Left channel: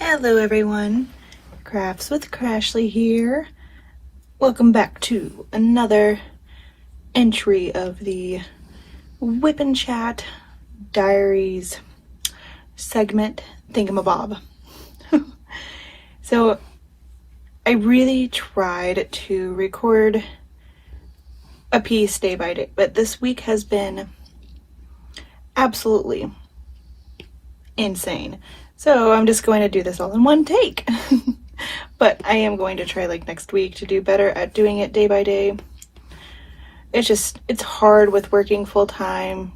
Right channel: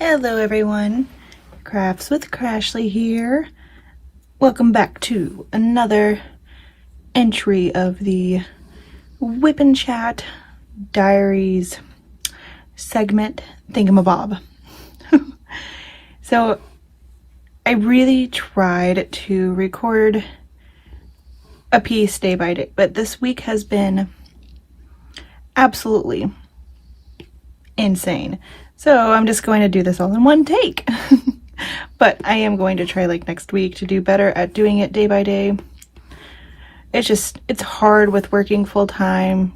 Hello everyone, Crafts with Crashly here. Welcome back to another entry of the WIP and Chat Diaries segment thingamabob. So I really tried to record a piece day by day, but this week has been absolutely insane. So I'm just going to do this all in one take. But I am going to try like next week to do better at doing it day by day. It's hard with working full time,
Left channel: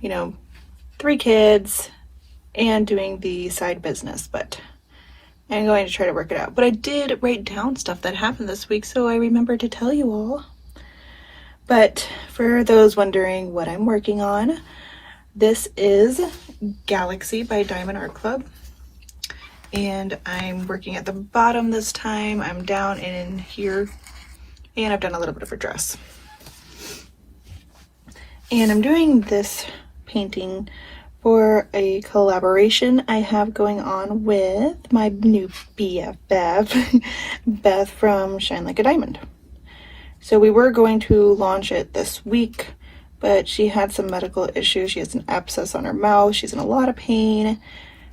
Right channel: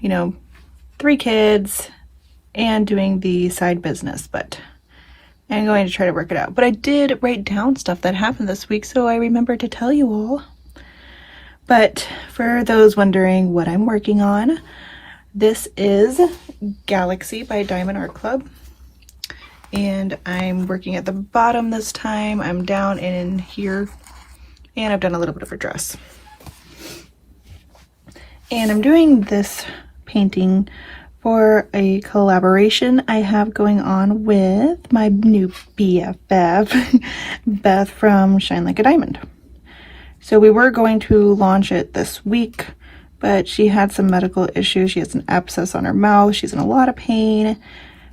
3 kids and doing the side business, but I'm going to try to work it out. But I did write down stuff that happened this week, so I remembered to tell you all. But for those wondering what I'm working on, this is Galaxy by Diamond Art Club. And I'm working at the bottom this time. I'm down in here, and I've done a little bit of a dress. And I'm doing this painting for a collaboration I have going on with my new BFF, Beth from Shine Like a Diamond. So we were going to launch it this week, but she had some medical issues. She has an abscess on her mouth. She's in a lot of pain.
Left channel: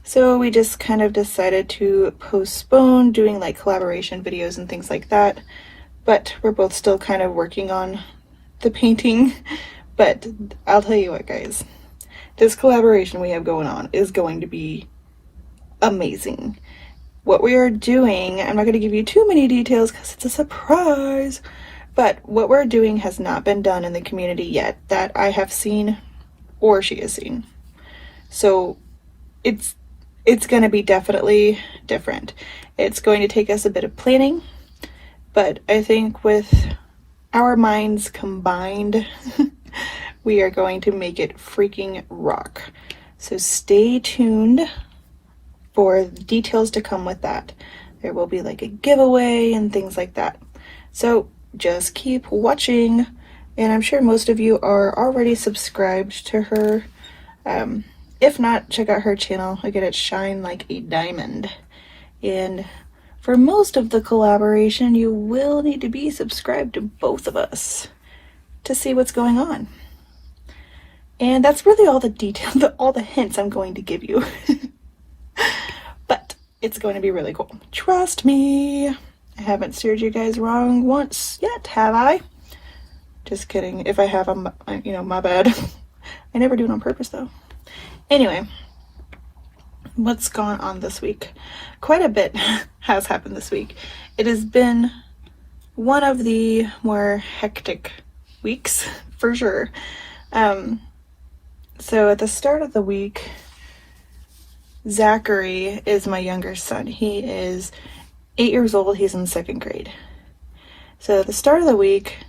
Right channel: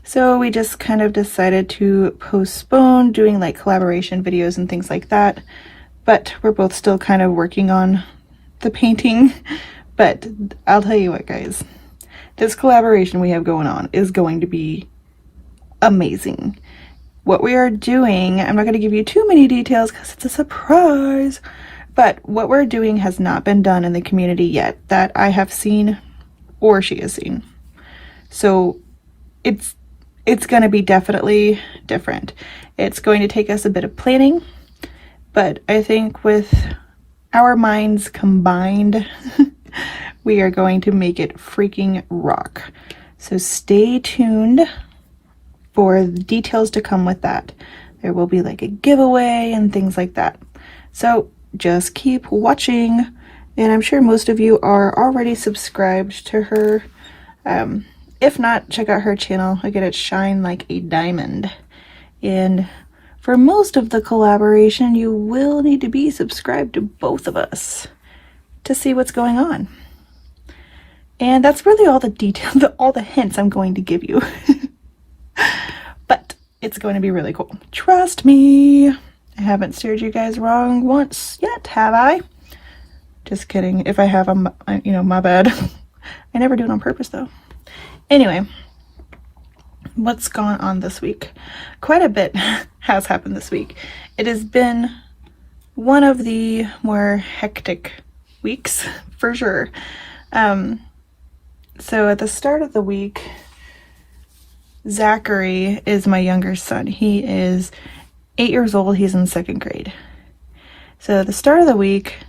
So we just kind of decided to postpone doing like collaboration videos and things like that. But we're both still kind of working on the painting. But I'll tell you what, guys, this collaboration we have going on is going to be amazing. What we are doing, I'm not going to give you too many details because it's a surprise, but what we're doing has not been done in the community yet that I have seen or she has seen. So it's going to be definitely different. It's going to take us a bit of planning, but I think with our minds combined, we are going to make it freaking rock. So stay tuned for the details to come with that. There will be like a giveaway and things like that. So just keep watching, and I'm sure most of you are already subscribed to her. If not, check out her channel. Again, it's Shine Like a Diamond. And for most of the collaboration, you will need to be subscribed to both of us to see what's going on. And that's really all the details, all the hints I'm going to give you. But it's going to be really cool. Trust me. I haven't steered you guys wrong once yet, have I? Just kidding. If I have, my bad. I never do it on purpose, though. Anyway, what's gone on this week? Quite a bit has happened this week. It has been one of the more hectic weeks, for sure. So at the start of the week, Zachary is my younger son. He is 8 years old. He's in 2nd grade. So at the start of the week,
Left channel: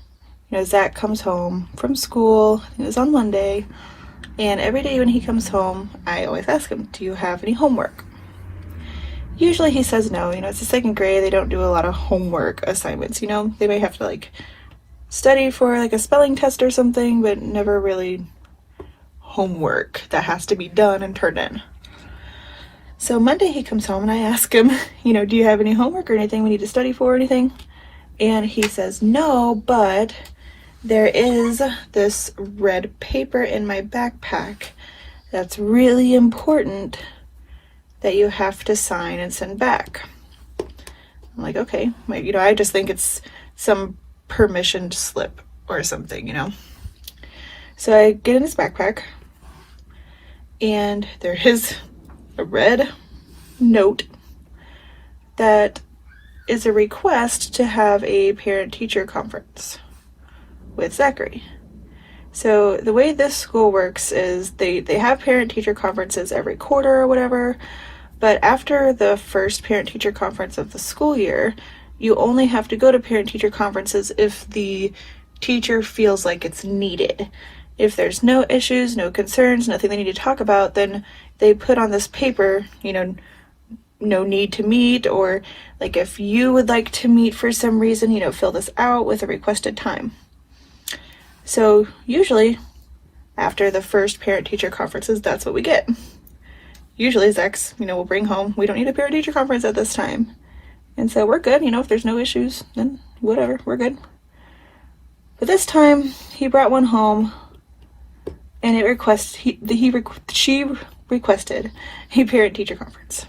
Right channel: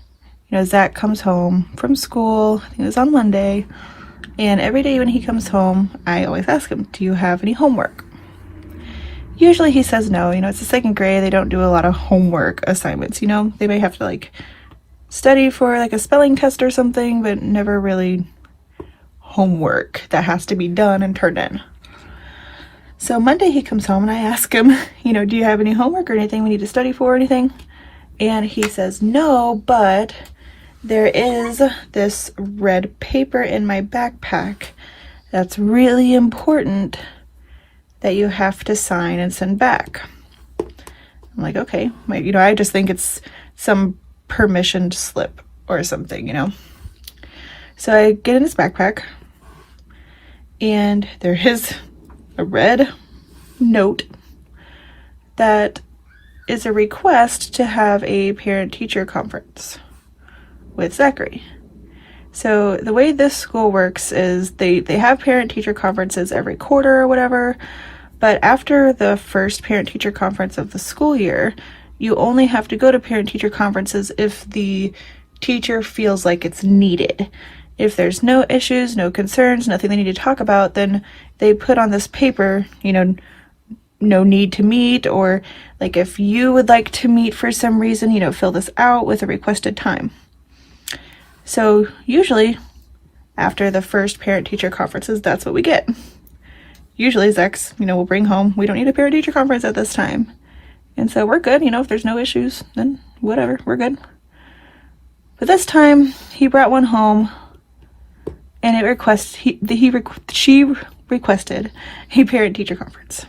Zach comes home from school. It was on Monday. And every day when he comes home, I always ask him, do you have any homework? Usually he says no. It's the 2nd grade. They don't do a lot of homework assignments. They may have to like study for like a spelling test or something, but never really homework that has to be done and turned in. So Monday he comes home and I ask him, do you have any homework or anything we need to study for or anything? And he says, no, but there is this red paper in my backpack that's really important that you have to sign and send back. I'm like, okay. I just think it's some permissioned slip or something, So I get in his backpack and there is a red note that is a request to have a parent-teacher conference with Zachary. So the way this school works is they have parent-teacher conferences every quarter or whatever, but after the first parent-teacher conference of the school year, you only have to go to parent-teacher conferences if the teacher feels like it's needed. If there's no issues, no concerns, nothing they need to talk about, then they put on this paper, no need to meet, or like if you would like to meet for some reason, fill this out with a requested time. So usually after the first parent-teacher conferences, that's what we get. usually Zach's, will bring home, we don't need a parent-teacher conference at this time. And so we're good, if there's no issues, then whatever, we're good. But this time, he brought one home, and she requested a parent-teacher conference.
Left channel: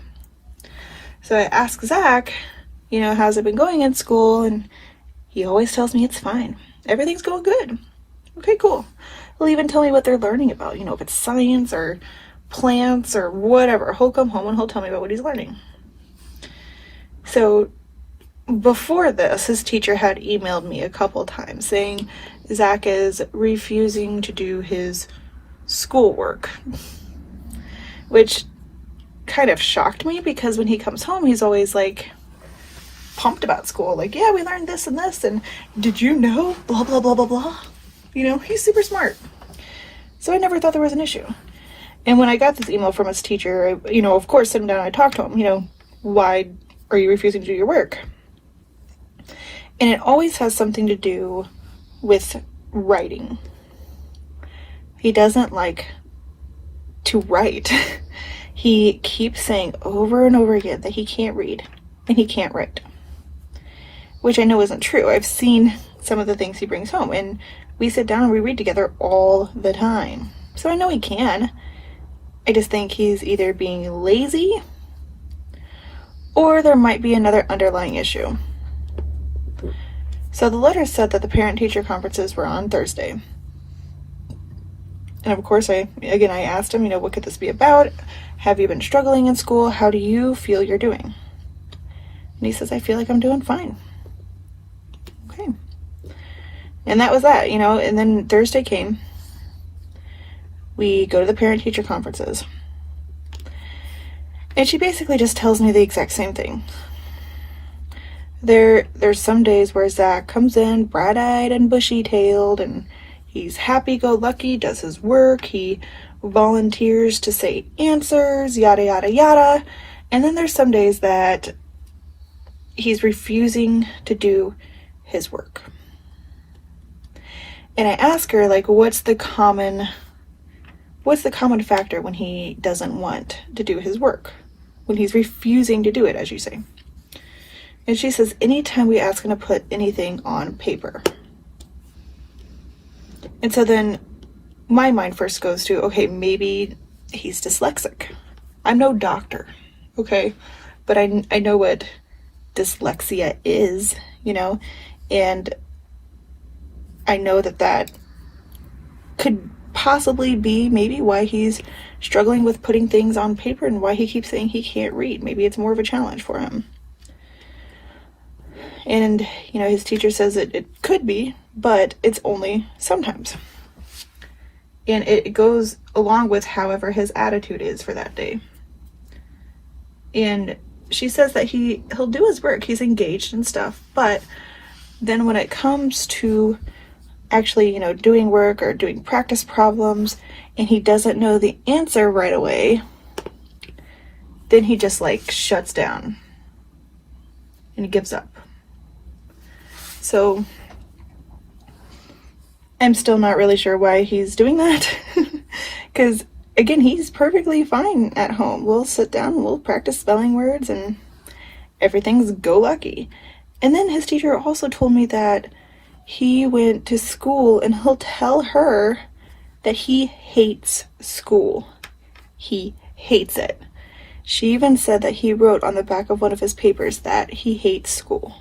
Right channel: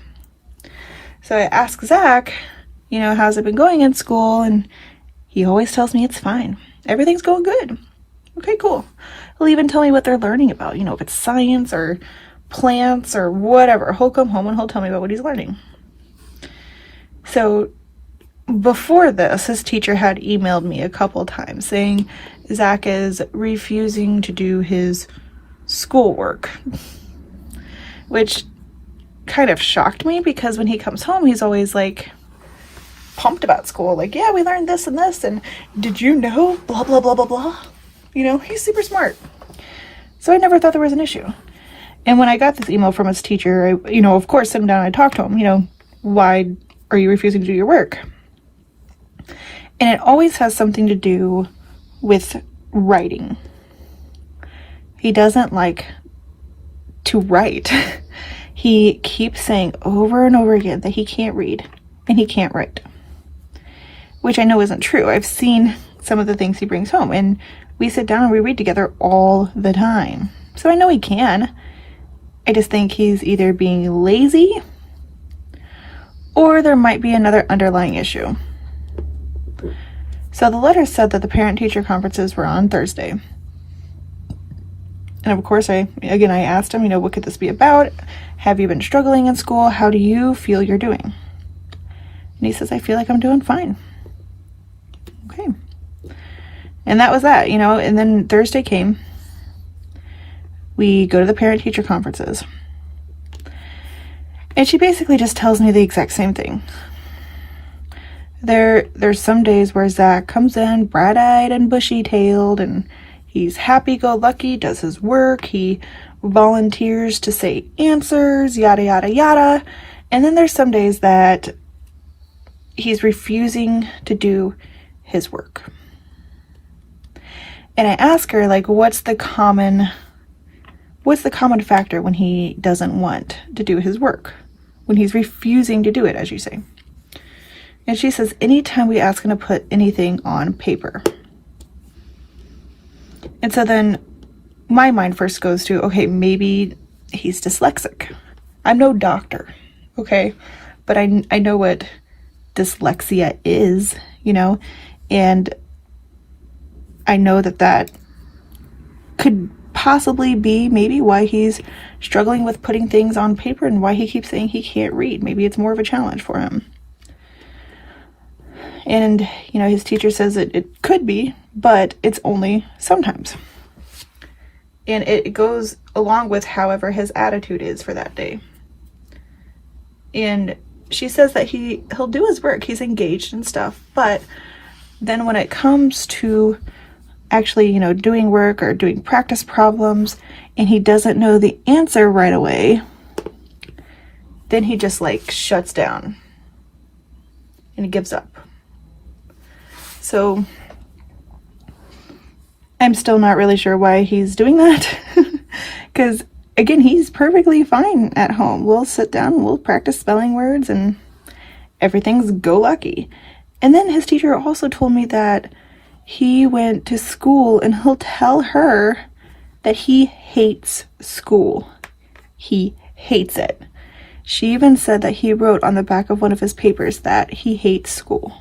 So I asked Zach, how's it been going in school? And he always tells me it's fine. Everything's going good. Okay, cool. He'll even tell me what they're learning about, if it's science or plants or whatever. He'll come home and he'll tell me about what he's learning. So before this, his teacher had emailed me a couple times saying Zach is refusing to do his schoolwork, which kind of shocked me because when he comes home, he's always like pumped about school. Like, yeah, we learned this and this, and did you know? Blah, blah, blah, blah, blah. He's super smart. So I never thought there was an issue. And when I got this email from his teacher, I, of course, sit him down and I talked to him, why are you refusing to do your work? And it always has something to do with writing. He doesn't like to write. He keeps saying over and over again that he can't read and he can't write, which I know isn't true. I've seen some of the things he brings home, and we sit down and we read together all the time. So I know he can. I just think he's either being lazy or there might be another underlying issue. So the letter said that the parent-teacher conferences were on Thursday. And of course, I asked him, what could this be about? Have you been struggling in school? How do you feel you're doing? And he says, I feel like I'm doing fine. Okay. And that was that, and then Thursday came. We go to the parent-teacher conferences. And she basically just tells me the exact same thing. There's some days where Zach comes in bright-eyed and bushy-tailed, and he's happy-go-lucky, does his work, he volunteers to say answers, yada, yada, yada. And then there's some days that he's refusing to do his work. And I ask her, what's the common factor when he doesn't want to do his work? When he's refusing to do it, as you say. And she says, anytime we ask him to put anything on paper. And so then my mind first goes to, okay, maybe he's dyslexic. I'm no doctor, okay? But I know what dyslexia is, and I know that could possibly be maybe why he's struggling with putting things on paper and why he keeps saying he can't read. Maybe it's more of a challenge for him. And, his teacher says it could be, but it's only sometimes. And it goes along with however his attitude is for that day. And she says that he'll do his work, he's engaged and stuff, but then when it comes to actually, doing work or doing practice problems and he doesn't know the answer right away, then he just shuts down and he gives up. So I'm still not really sure why he's doing that because again, he's perfectly fine at home. We'll sit down, we'll practice spelling words and everything's go lucky. And then his teacher also told me that he went to school and he'll tell her that he hates school. He hates it. She even said that he wrote on the back of one of his papers that he hates school.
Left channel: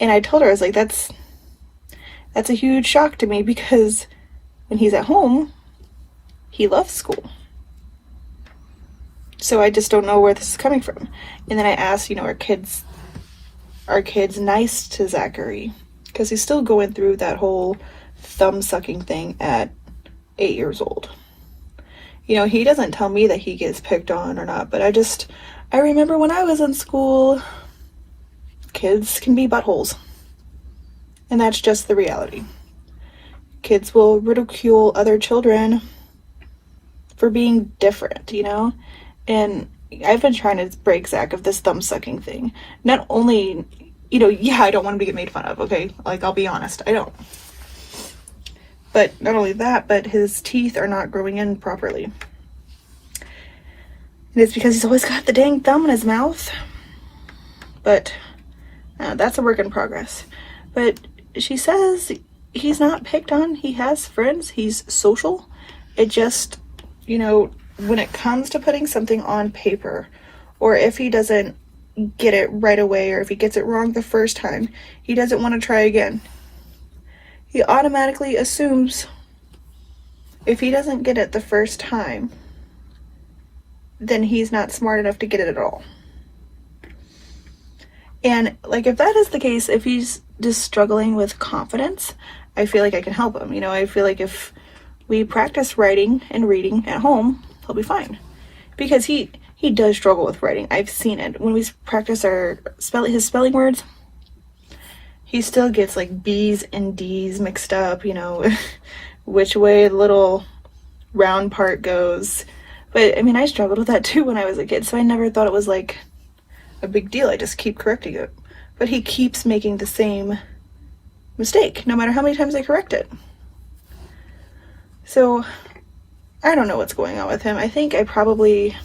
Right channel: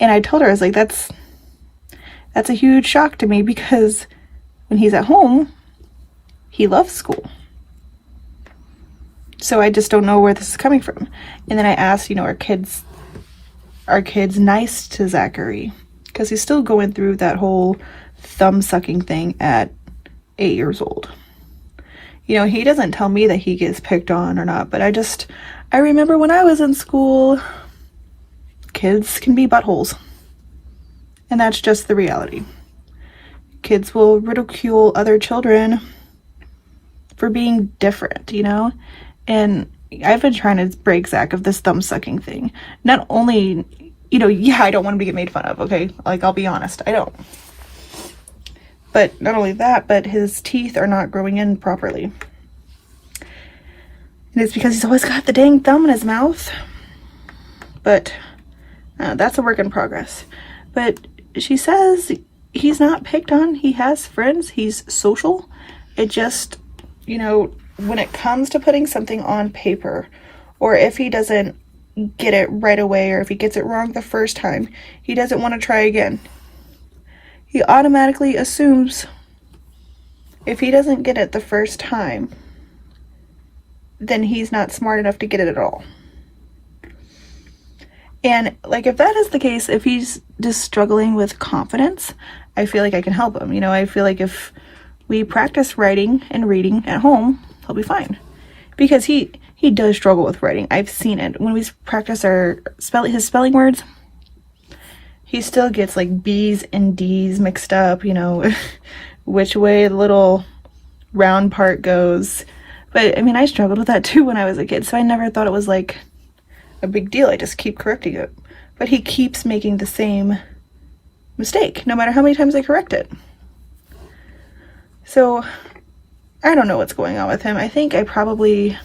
And I told her, I was like, that's a huge shock to me because when he's at home, he loves school. So I just don't know where this is coming from. And then I asked, are kids nice to Zachary? Because he's still going through that whole thumb-sucking thing at 8 years old. He doesn't tell me that he gets picked on or not, but I remember when I was in school, kids can be buttholes. And that's just the reality. Kids will ridicule other children for being different, And I've been trying to break Zach of this thumb-sucking thing. Not only, I don't want him to get made fun of, okay? I'll be honest, I don't. But not only that, but his teeth are not growing in properly. And it's because he's always got the dang thumb in his mouth. But that's a work in progress. But she says he's not picked on. He has friends. He's social. It just, you know, when it comes to putting something on paper, or if he doesn't get it right away, or if he gets it wrong the first time, he doesn't want to try again. He automatically assumes if he doesn't get it the first time, then he's not smart enough to get it at all. And like, if that is the case, if he's just struggling with confidence, I feel like I can help him. You know, I feel like if we practice writing and reading at home, he'll be fine. Because he does struggle with writing. I've seen it. When we practice his spelling words, he still gets like B's and D's mixed up, you know, which way the little round part goes. But I mean, I struggled with that too when I was a kid, so I never thought it was like a big deal. I just keep correcting it. But he keeps making the same mistake, no matter how many times I correct it. So I don't know what's going on with him. I think I probably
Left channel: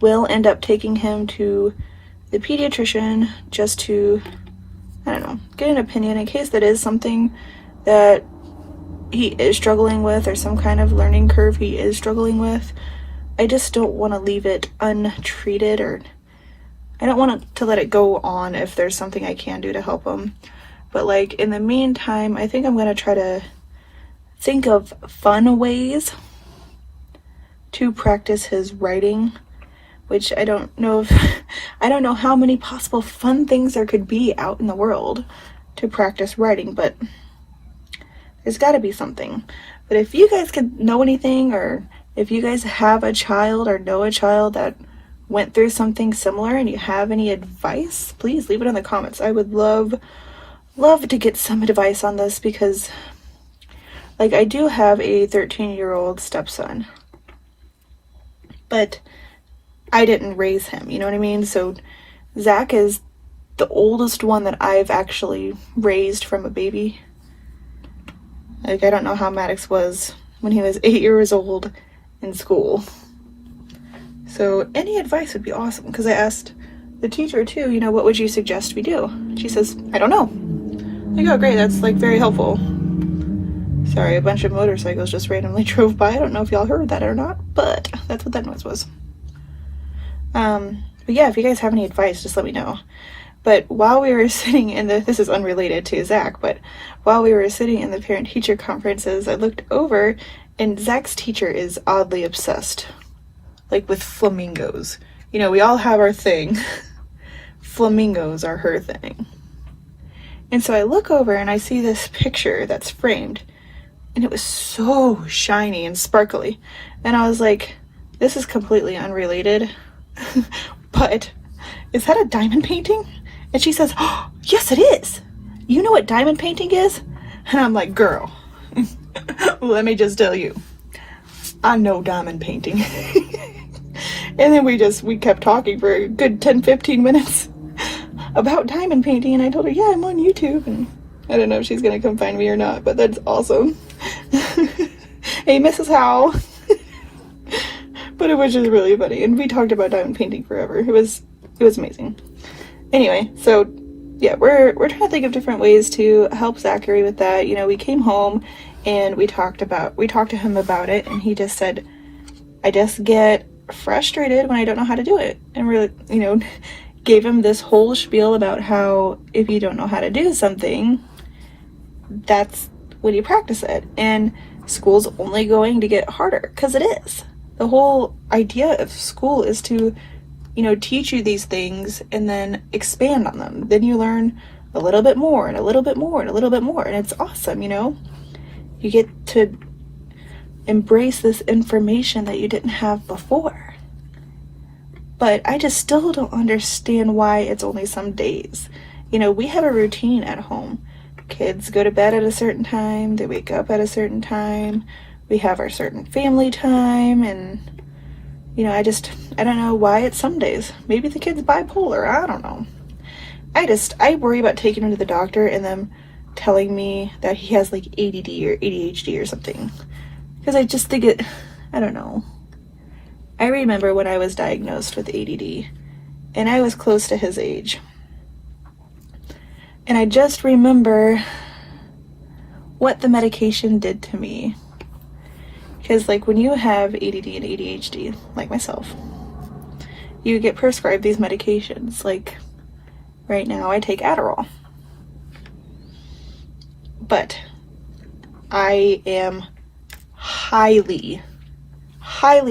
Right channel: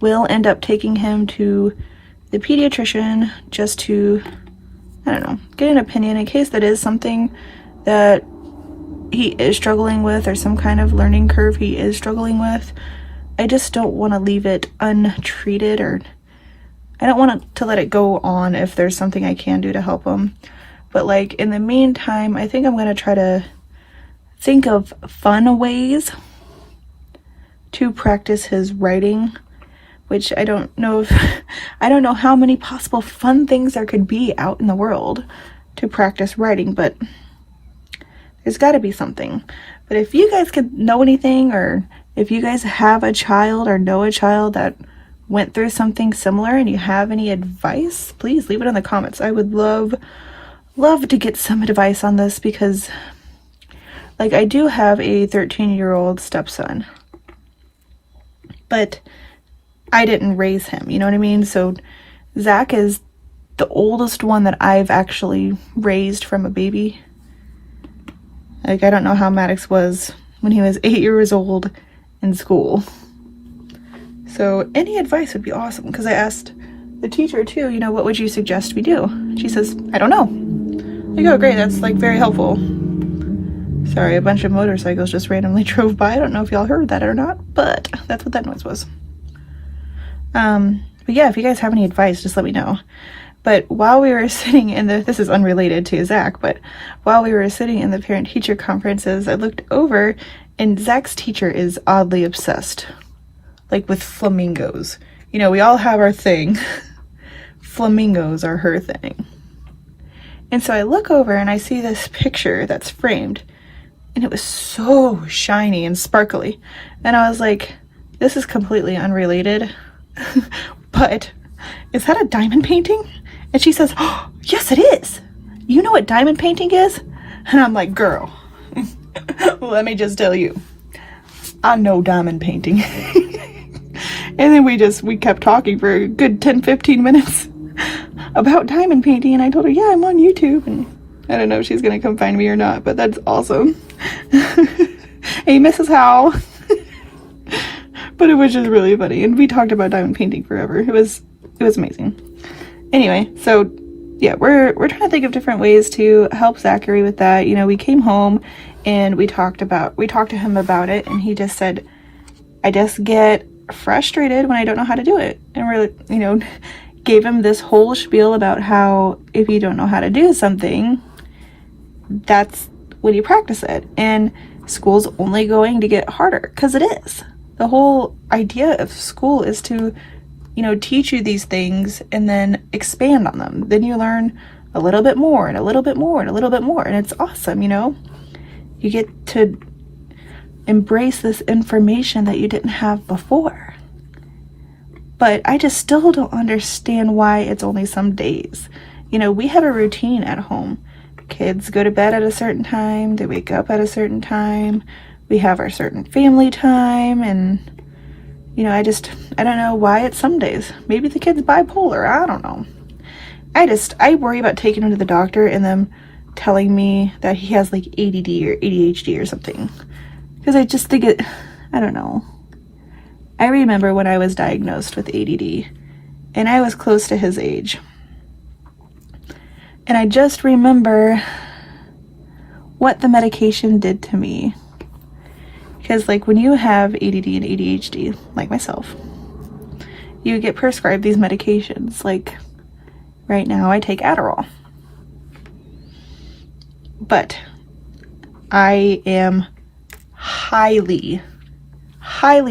will end up taking him to the pediatrician just to, I don't know, get an opinion in case that is something that he is struggling with, or some kind of learning curve he is struggling with. I just don't want to leave it untreated, or I don't want to let it go on if there's something I can do to help him. But like, in the meantime, I think I'm going to try to think of fun ways to practice his writing, which I don't know how many possible fun things there could be out in the world to practice writing, but there's got to be something. But if you guys could know anything, or if you guys have a child or know a child that went through something similar and you have any advice, please leave it in the comments. I would love to get some advice on this, because like, I do have a 13-year-old stepson, but I didn't raise him, you know what I mean? So Zach is the oldest one that I've actually raised from a baby. Like, I don't know how Maddox was when he was 8 years old in school. So any advice would be awesome, because I asked the teacher too, you know, what would you suggest we do? She says, I don't know. Like, oh great, that's like very helpful. Sorry, a bunch of motorcycles just randomly drove by. I don't know if y'all heard that or not, but that's what that noise was. But yeah, if you guys have any advice, just let me know. But while we were sitting in this is unrelated to Zach, but while we were sitting in the parent-teacher conferences, I looked over and Zach's teacher is oddly obsessed, like with flamingos. You know, we all have our thing. Flamingos are her thing. And so I look over and I see this picture that's framed, and it was so shiny and sparkly. And I was like, this is completely unrelated, but is that a diamond painting? And she says, oh, yes, it is. You know what diamond painting is? And I'm like, girl, let me just tell you, I know diamond painting. And then we kept talking for a good 10-15 minutes about diamond painting, and I told her, yeah, I'm on YouTube, and I don't know if she's gonna come find me or not, but that's awesome. Hey, Mrs. Howell. But it was just really funny, and we talked about diamond painting forever. It was amazing. Anyway, so yeah, we're trying to think of different ways to help Zachary with that. You know, we came home and we talked to him about it, and he just said, I just get frustrated when I don't know how to do it. And we're, you know, gave him this whole spiel about how if you don't know how to do something, that's when you practice it. And school's only going to get harder, because it is. The whole idea of school is to, you know, teach you these things and then expand on them. Then you learn a little bit more and a little bit more and a little bit more. And it's awesome, you know? You get to embrace this information that you didn't have before. But I just still don't understand why it's only some days. You know, we have a routine at home. Kids go to bed at a certain time, they wake up at a certain time, we have our certain family time, and, you know, I don't know why it's some days. Maybe the kid's bipolar, I don't know. I worry about taking him to the doctor and them telling me that he has like ADD or ADHD or something. Because I just think I don't know. I remember when I was diagnosed with ADD, and I was close to his age. And I just remember what the medication did to me. Because like when you have ADD and ADHD, like myself, you get prescribed these medications. Like right now I take Adderall. But I am highly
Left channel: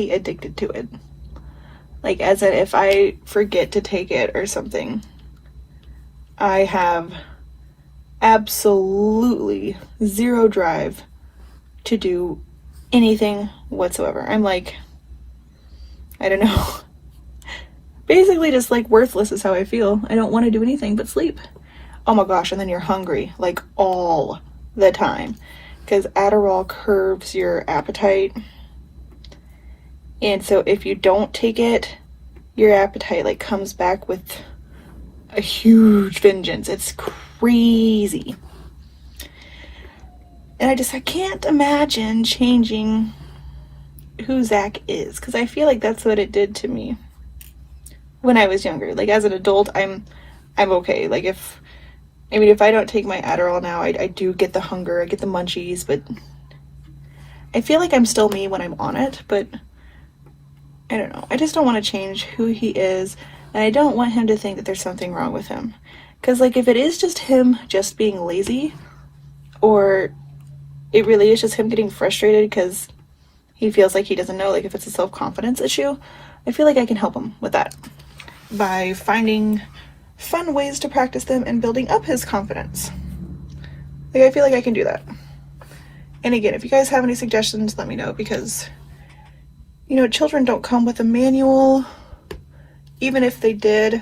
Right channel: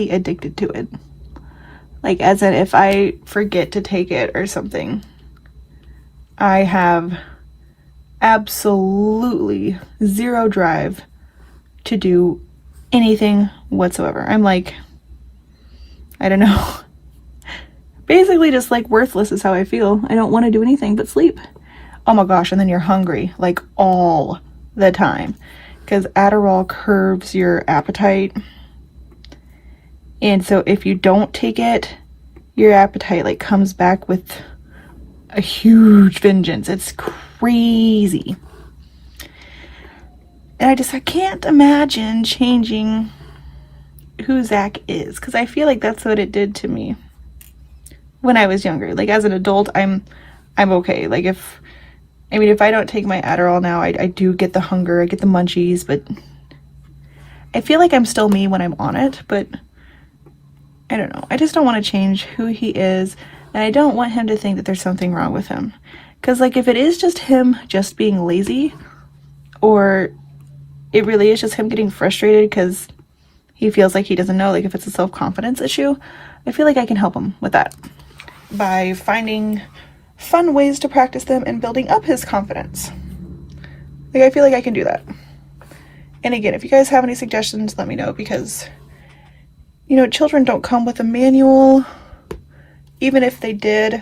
addicted to it. Like as in if I forget to take it or something, I have absolutely zero drive to do anything whatsoever. I'm like, I don't know. Basically just like worthless is how I feel. I don't want to do anything but sleep. Oh my gosh, and then you're hungry like all the time because Adderall curbs your appetite. And so if you don't take it, your appetite like comes back with a huge vengeance. It's crazy. And I can't imagine changing who Zach is, because I feel like that's what it did to me when I was younger. Like as an adult, I'm okay. Like if I don't take my Adderall now, I do get the hunger, I get the munchies, but I feel like I'm still me when I'm on it, but I don't know. I just don't want to change who he is, and I don't want him to think that there's something wrong with him. Because like if it is just him just being lazy, or it really is just him getting frustrated because he feels like he doesn't know, like if it's a self-confidence issue, I feel like I can help him with that by finding fun ways to practice them and building up his confidence. Like I feel like I can do that. And again, if you guys have any suggestions, let me know, because you know, children don't come with a manual. Even if they did,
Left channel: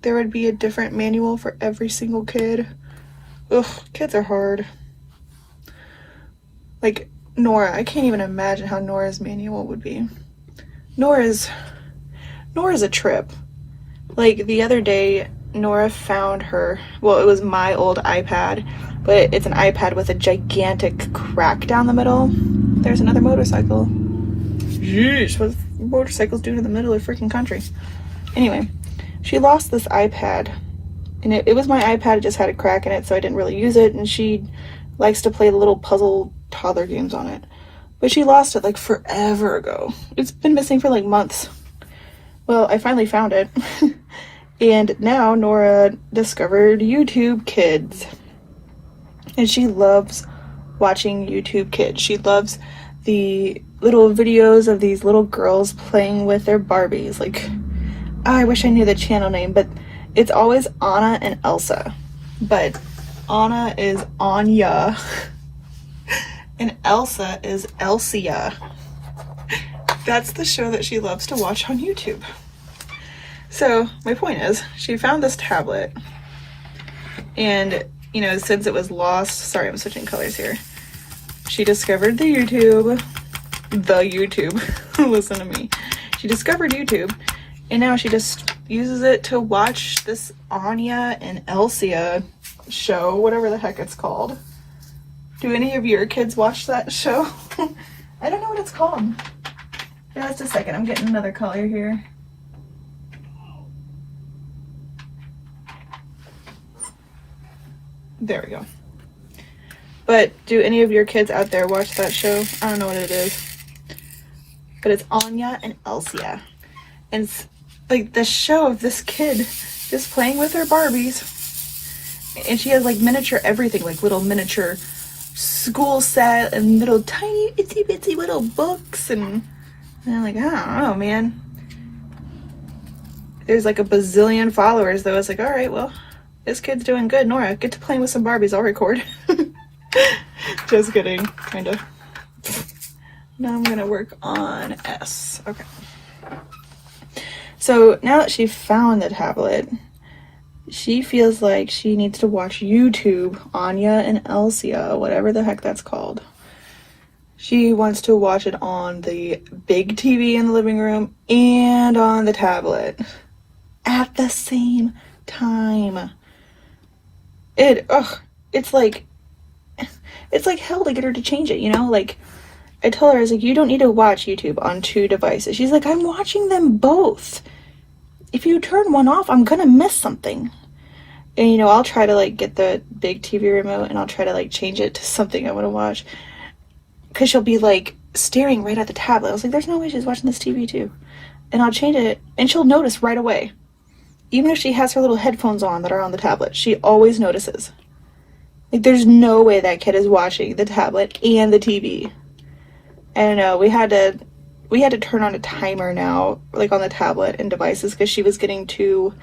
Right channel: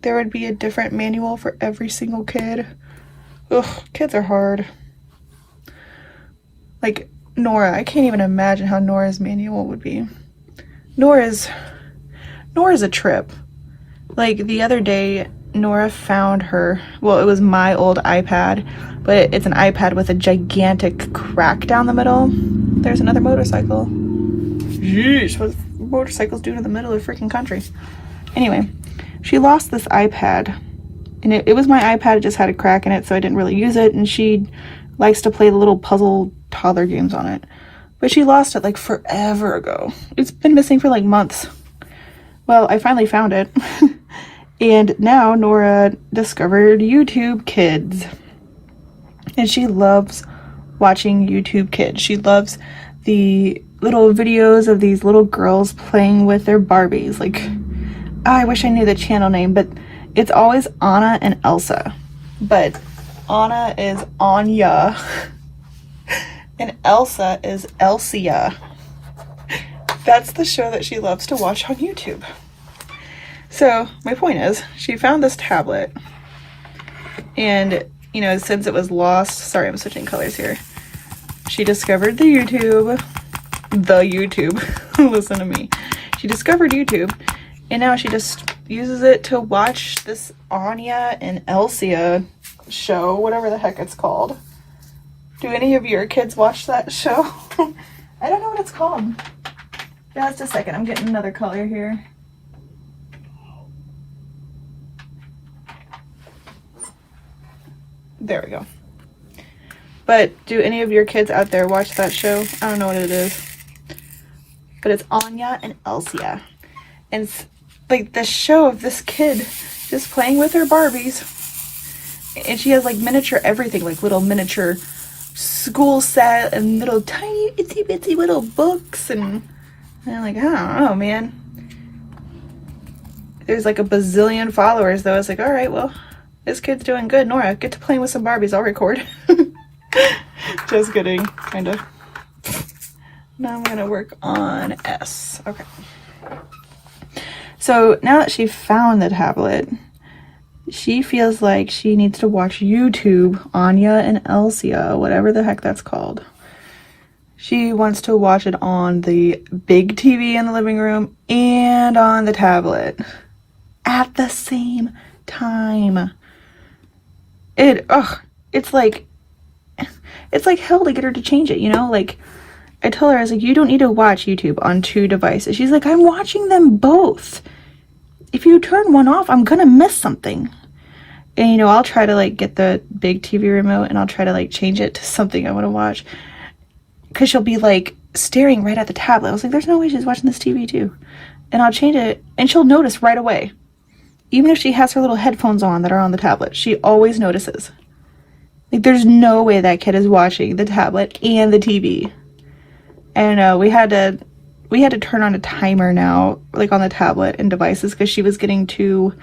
there would be a different manual for every single kid. Ugh, kids are hard. Like Nora, I can't even imagine how Nora's manual would be. Nora's a trip. Like the other day, Nora found her, well, it was my old iPad, but it's an iPad with a gigantic crack down the middle. There's another motorcycle. Jeez, what motorcycles doing in the middle of the freaking country? Anyway, she lost this iPad, and it was my iPad, it just had a crack in it, so I didn't really use it, and she likes to play the little puzzle toddler games on it. But she lost it like forever ago. It's been missing for like months. Well, I finally found it. And now Nora discovered YouTube Kids. And she loves watching YouTube Kids. She loves the little videos of these little girls playing with their Barbies. Like, I wish I knew the channel name, but it's always Anna and Elsa. But Anna is Anya, and Elsa is Elsia. That's the show that she loves to watch on YouTube. So my point is, she found this tablet, and you know, since it was lost, sorry, I'm switching colors here. She discovered the YouTube. Listen to me. She discovered YouTube, and now she just uses it to watch this Anya and Elsia show, whatever the heck it's called. Do any of your kids watch that show? I don't know what it's called. Just a second, I'm getting another color here. There we go. But do any of your kids out there watch that show? I don't know what it is. But it's Anya and Elsia. And it's like the show of this kid just playing with her Barbies. And she has like miniature everything, like little miniature school set and little tiny itsy bitsy little books. And I'm like, I don't know, man. There's like a bazillion followers though. It's like, all right, well, this kid's doing good. Nora, get to playing with some Barbies. I'll record. Just kidding, kind of. Now I'm gonna work on S. Okay. So now that she found the tablet, she feels like she needs to watch YouTube, Anya and Elsia, whatever the heck that's called. She wants to watch it on the big TV in the living room and on the tablet at the same time. It's like hell to get her to change it, you know? Like, I told her, I was like, you don't need to watch YouTube on 2 devices. She's like, I'm watching them both. If you turn one off, I'm gonna miss something. And you know, I'll try to like get the big TV remote and I'll try to like change it to something I want to watch. Cause she'll be like staring right at the tablet. I was like, there's no way she's watching this TV too. And I'll change it and she'll notice right away. Even if she has her little headphones on that are on the tablet, she always notices. Like, there's no way that kid is watching the tablet and the TV. I don't know, we had to turn on a timer now, like on the tablet and devices, because she was getting too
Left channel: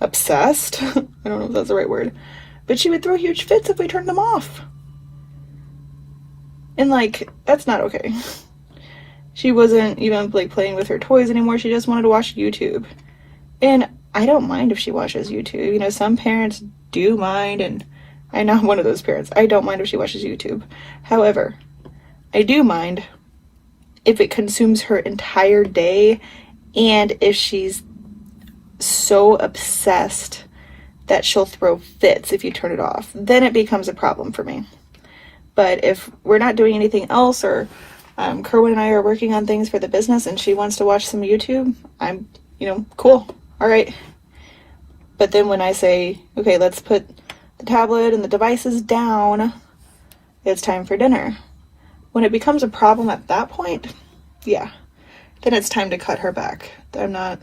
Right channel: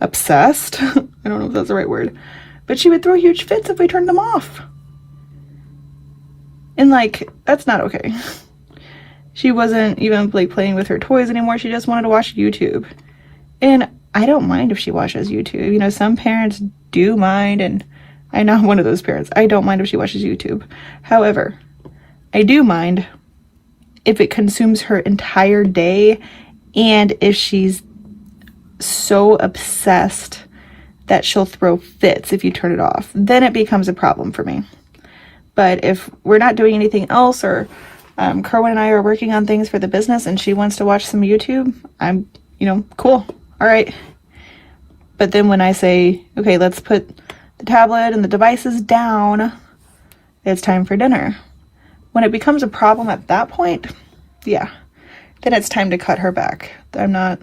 obsessed. I don't know if that's the right word, but she would throw huge fits if we turned them off. And like, that's not okay. She wasn't even like playing with her toys anymore. She just wanted to watch YouTube. And I don't mind if she watches YouTube. You know, some parents do mind, and I'm not one of those parents. I don't mind if she watches YouTube. However, I do mind if it consumes her entire day and if she's so obsessed that she'll throw fits if you turn it off. Then it becomes a problem for me. But if we're not doing anything else, or Kerwin and I are working on things for the business and she wants to watch some YouTube, I'm, you know, cool. All right. But then when I say, okay, let's put the tablet and the devices down, it's time for dinner. When it becomes a problem at that point, yeah, then it's time to cut her back. I'm not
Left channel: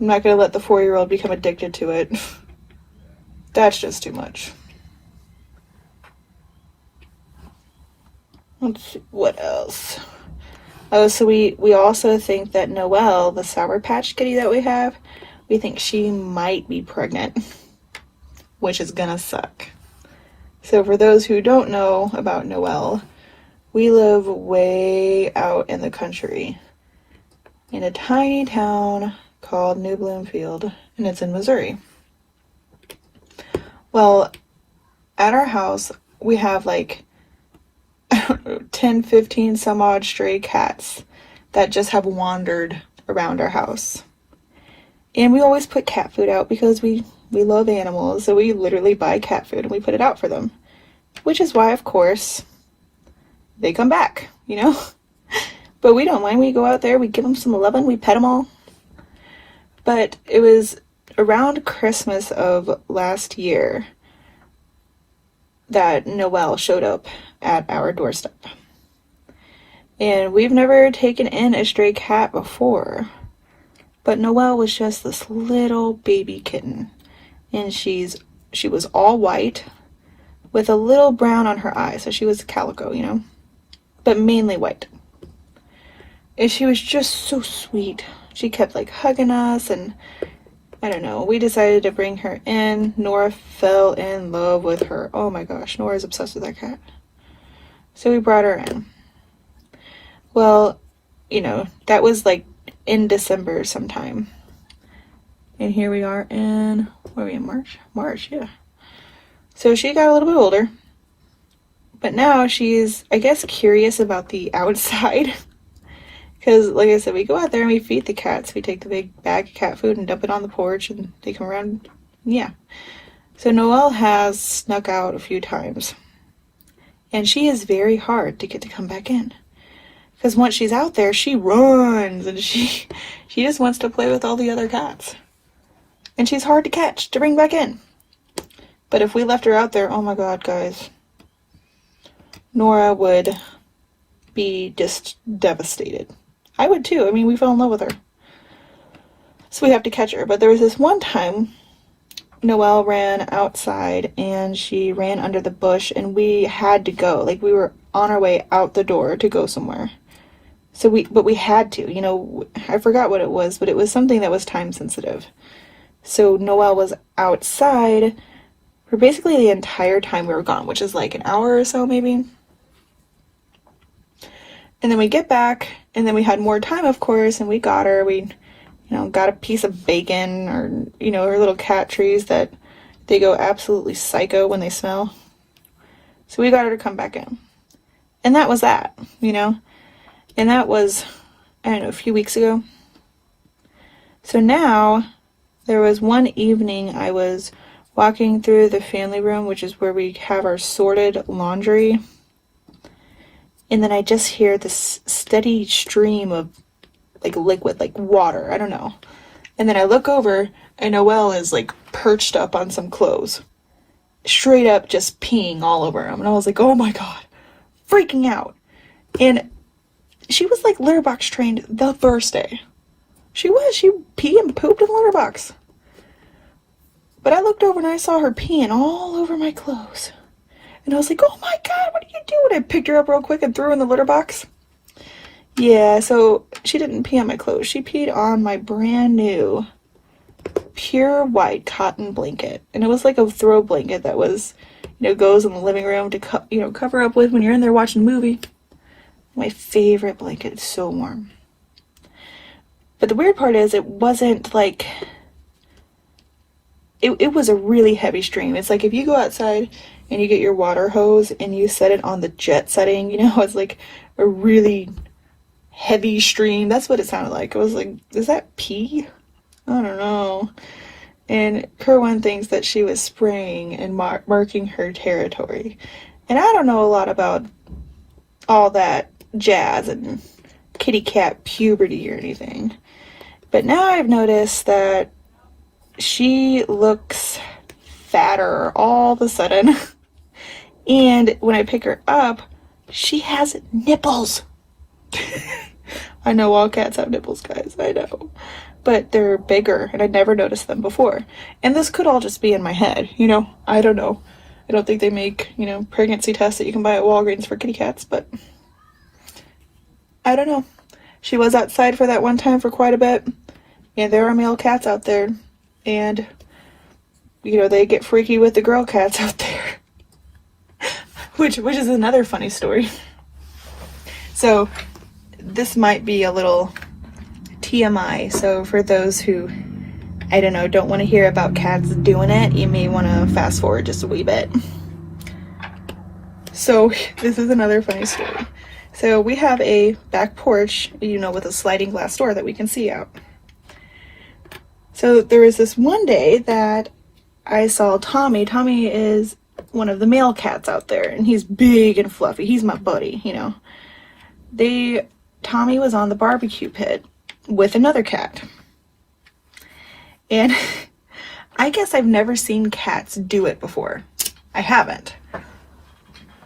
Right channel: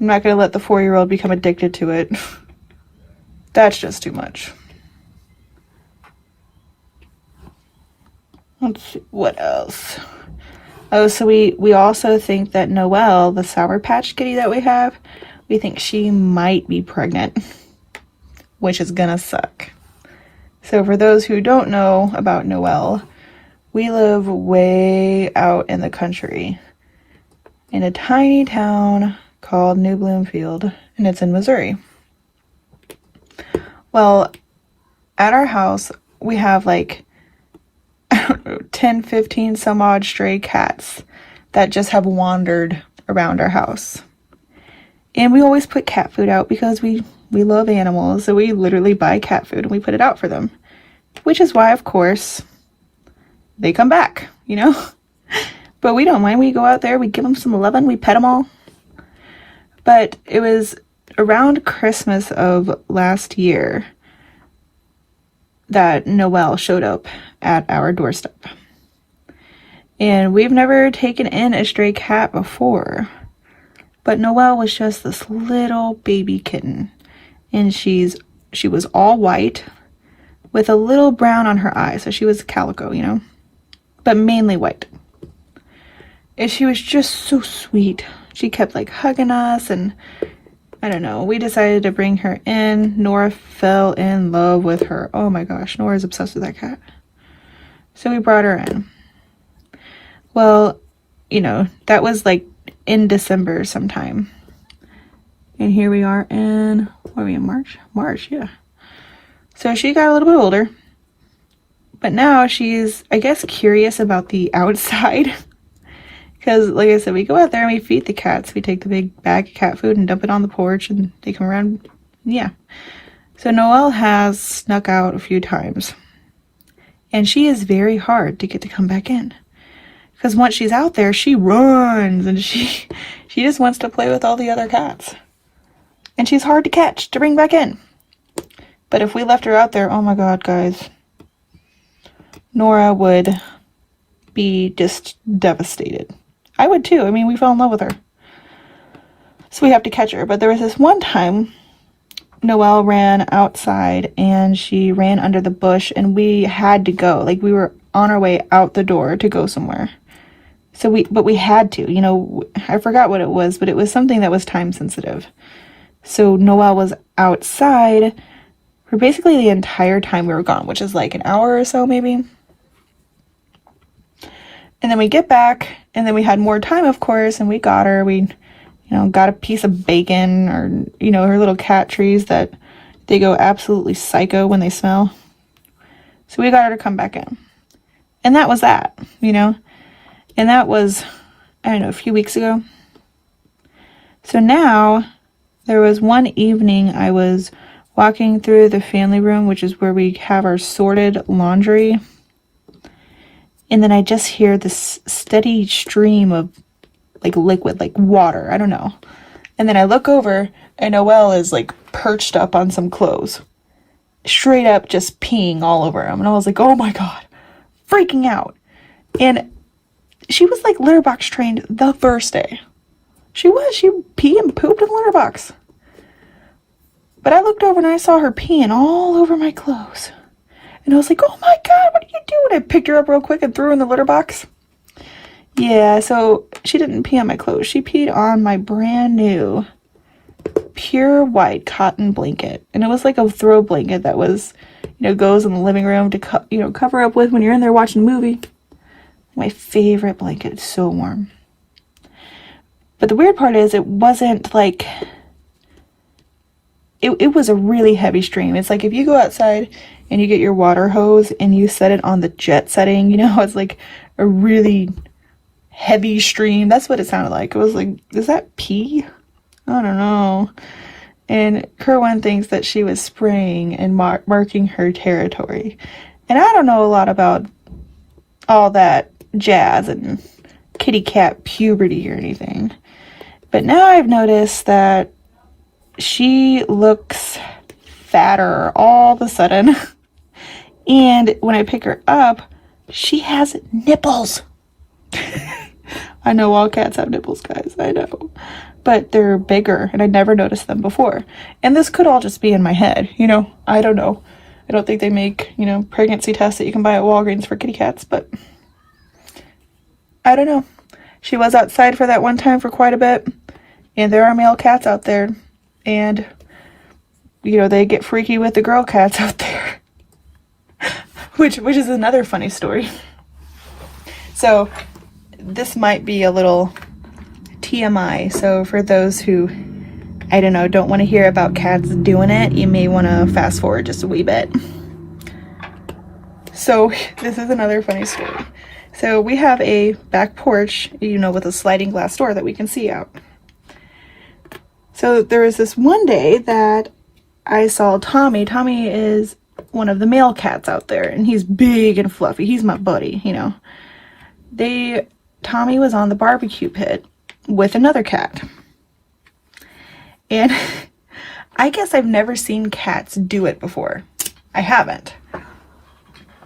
going to let the 4-year-old become addicted to it. That's just too much. Let's see, what else? Oh, so we also think that Noelle, the Sour Patch Kitty that we have, we think she might be pregnant, which is gonna suck. So for those who don't know about Noelle, we live way out in the country in a tiny town called New Bloomfield, and it's in Missouri. Well, at our house, we have like, I don't know, 10, 15 some odd stray cats that just have wandered around our house. And we always put cat food out because we love animals. So we literally buy cat food and we put it out for them. Which is why, of course, they come back, you know? But we don't mind. We go out there, we give them some loving, we pet them all. But it was around Christmas of last year that Noelle showed up at our doorstep. And we've never taken in a stray cat before. But Noelle was just this little baby kitten. And she was all white with a little brown on her eye. So she was calico, you know, but mainly white. And she was just so sweet. She kept like hugging us, and I don't know, we decided to bring her in. Nora fell in love with her. Oh my gosh, Nora's obsessed with that cat. So we brought her in. Well, you know, that was like in December sometime. And here we are in, what are we in, March? March, yeah. So she got a little bit older. But now she's, I guess, curious about the outside. Because, like I said, we go out there and we feed the cats. We take the big bag of cat food and dump it on the porch, and they come around. Yeah. So Noelle has snuck out a few times. And she is very hard to get to come back in. Because once she's out there, she runs, and she just wants to play with all the other cats. And she's hard to catch, to bring back in. But if we left her out there, oh my God, guys. Nora would be just devastated. I would too. I mean, we fell in love with her. So we have to catch her. But there was this one time Noelle ran outside and she ran under the bush, and we had to go. Like, we were on our way out the door to go somewhere. So we had to, you know, I forgot what it was, but it was something that was time sensitive. So Noelle was outside for basically the entire time we were gone, which is like an hour or so maybe. And then we get back, and then we had more time, of course, and we got her. We, you know, got a piece of bacon, or, you know, her little cat trees that they go absolutely psycho when they smell. So we got her to come back in. And that was that, you know. And that was, I don't know, a few weeks ago. So now, there was one evening I was walking through the family room, which is where we have our sorted laundry. and then I just hear this steady stream of like liquid, like water, I don't know. And then I look over and Noelle is like perched up on some clothes, straight up just peeing all over him. And I was like, oh my God, freaking out. And she was like litter box trained the first day. She peed and pooped in the litter box. But I looked over and I saw her peeing all over my clothes. And I was like, oh my God, what are you doing? I picked her up real quick and threw her in the litter box. Yeah, so she didn't pee on my clothes. She peed on my brand new pure white cotton blanket. And it was like a throw blanket that was, goes in the living room to cover up with when you're in there watching a movie. My favorite blanket. It's so warm. But the weird part is it wasn't like, it was a really heavy stream. It's like if you go outside and you get your water hose and you set it on the jet setting, it's like a really heavy stream. That's what it sounded like. It was like, is that pee? I don't know. And Kerwin thinks that she was spraying and marking her territory. And I don't know a lot about all that jazz and kitty cat puberty or anything. But now I've noticed that she looks fatter all of a sudden. And when I pick her up, she has nipples. I know all cats have nipples, guys. I know. But they're bigger, and I never noticed them before. And this could all just be in my head, I don't know. I don't think they make, pregnancy tests that you can buy at Walgreens for kitty cats, but I don't know. She was outside for that one time for quite a bit, and there are male cats out there, and, they get freaky with the girl cats out there, which is another funny story. So this might be a little TMI, so for those who, don't want to hear about cats doing it, you may want to fast forward just a wee bit. So this is another funny story. So we have a back porch, with a sliding glass door that we can see out. So there was this one day that I saw Tommy. Tommy is one of the male cats out there, and he's big and fluffy. He's my buddy, Tommy was on the barbecue pit with another cat. And I guess I've never seen cats do it before. I haven't.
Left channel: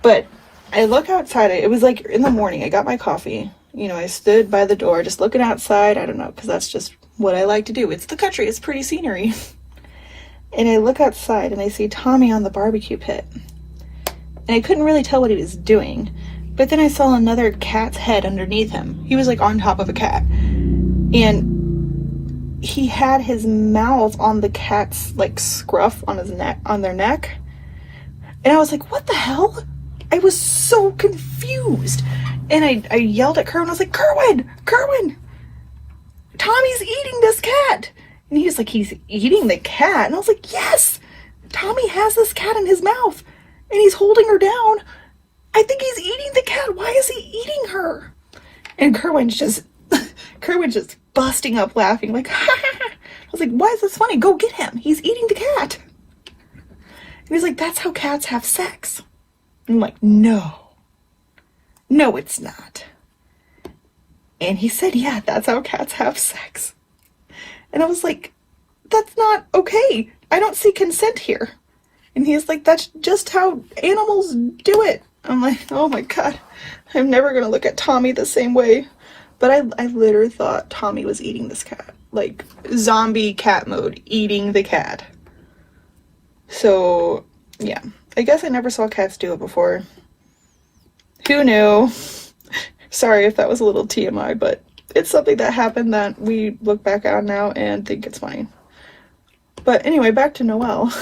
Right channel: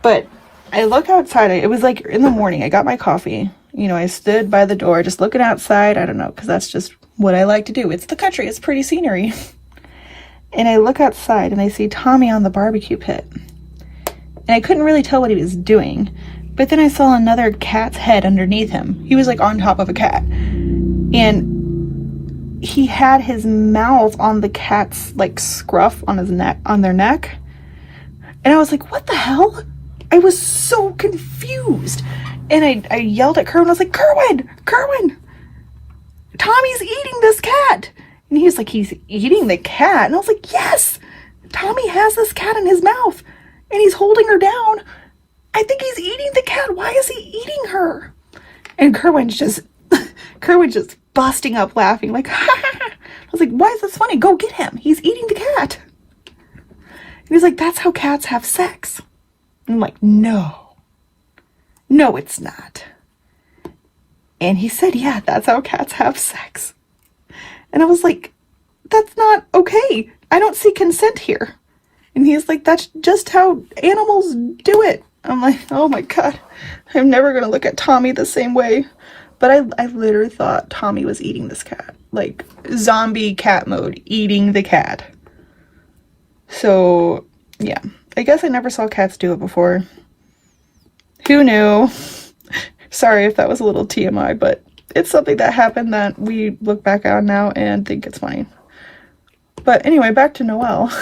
But I look outside. It was like in the morning. I got my coffee. I stood by the door just looking outside. I don't know, because that's just what I like to do. It's the country. It's pretty scenery. And I look outside and I see Tommy on the barbecue pit. And I couldn't really tell what he was doing. But then I saw another cat's head underneath him. He was like on top of a cat. And he had his mouth on the cat's like scruff on his neck, on their neck. And I was like, what the hell? I was so confused. And I yelled at Kerwin. I was like, Kerwin, Tommy's eating this cat. And he's like, he's eating the cat? And I was like, yes, Tommy has this cat in his mouth and he's holding her down. I think he's eating the cat. Why is he eating her? And Kerwin's just busting up laughing, like, ha ha ha. I was like, why is this funny? Go get him. He's eating the cat. And he's like, that's how cats have sex. I'm like, no, it's not. And he said, yeah, that's how cats have sex. And I was like, that's not okay. I don't see consent here. And he's like, that's just how animals do it. I'm like, oh my God, I'm never going to look at Tommy the same way. But I literally thought Tommy was eating this cat. Like zombie cat mode, eating the cat. So yeah, I guess I never saw cats do it before. Who knew? Sorry if that was a little TMI, but it's something that happened that we look back on now and think it's funny. But anyway, back to Noelle.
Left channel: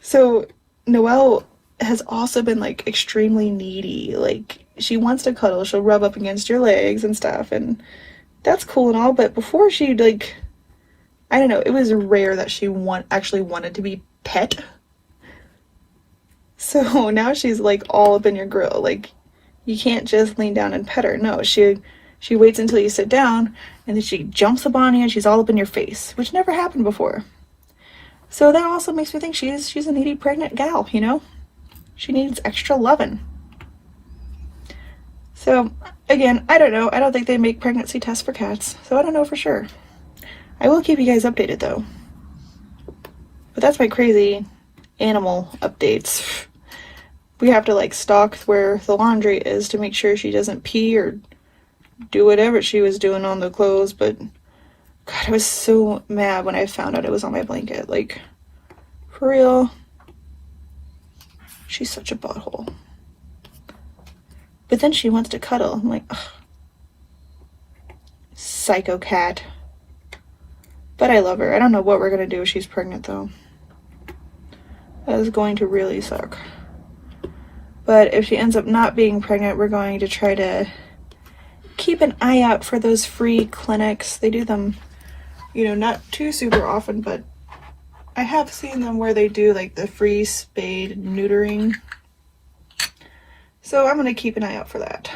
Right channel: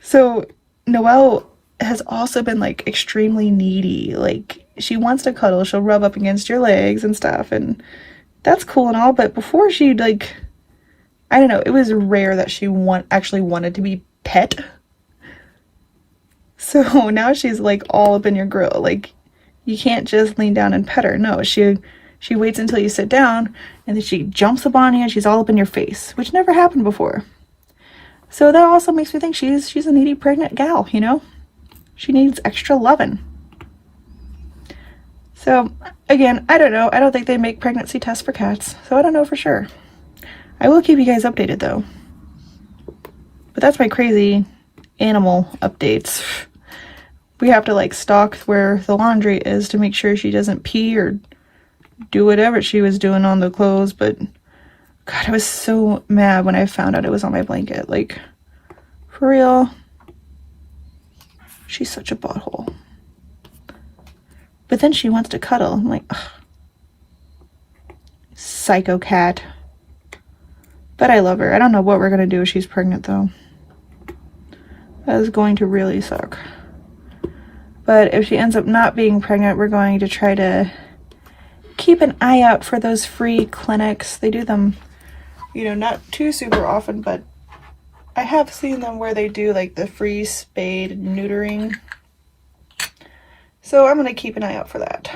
So Noelle has also been like extremely needy. Like she wants to cuddle, she'll rub up against your legs and stuff, and that's cool and all, but before she like, I don't know, it was rare that she actually wanted to be pet. So now she's like all up in your grill. Like you can't just lean down and pet her. No, she waits until you sit down and then she jumps up on you and she's all up in your face, which never happened before. So that also makes me think she's a needy pregnant gal, you know? She needs extra loving. So again, I don't know. I don't think they make pregnancy tests for cats, so I don't know for sure. I will keep you guys updated though. But that's my crazy animal updates. We have to like stalk where the laundry is to make sure she doesn't pee or do whatever she was doing on the clothes. But God, I was so mad when I found out it was on my blanket. Like, for real. She's such a butthole. But then she wants to cuddle. I'm like, ugh. Psycho cat. But I love her. I don't know what we're gonna do if she's pregnant though. That is going to really suck. But if she ends up not being pregnant, we're going to try to keep an eye out for those free clinics. They do them, you know, not too super often, but I have seen them where they do like the free spade and neutering. So I'm gonna keep an eye out for that.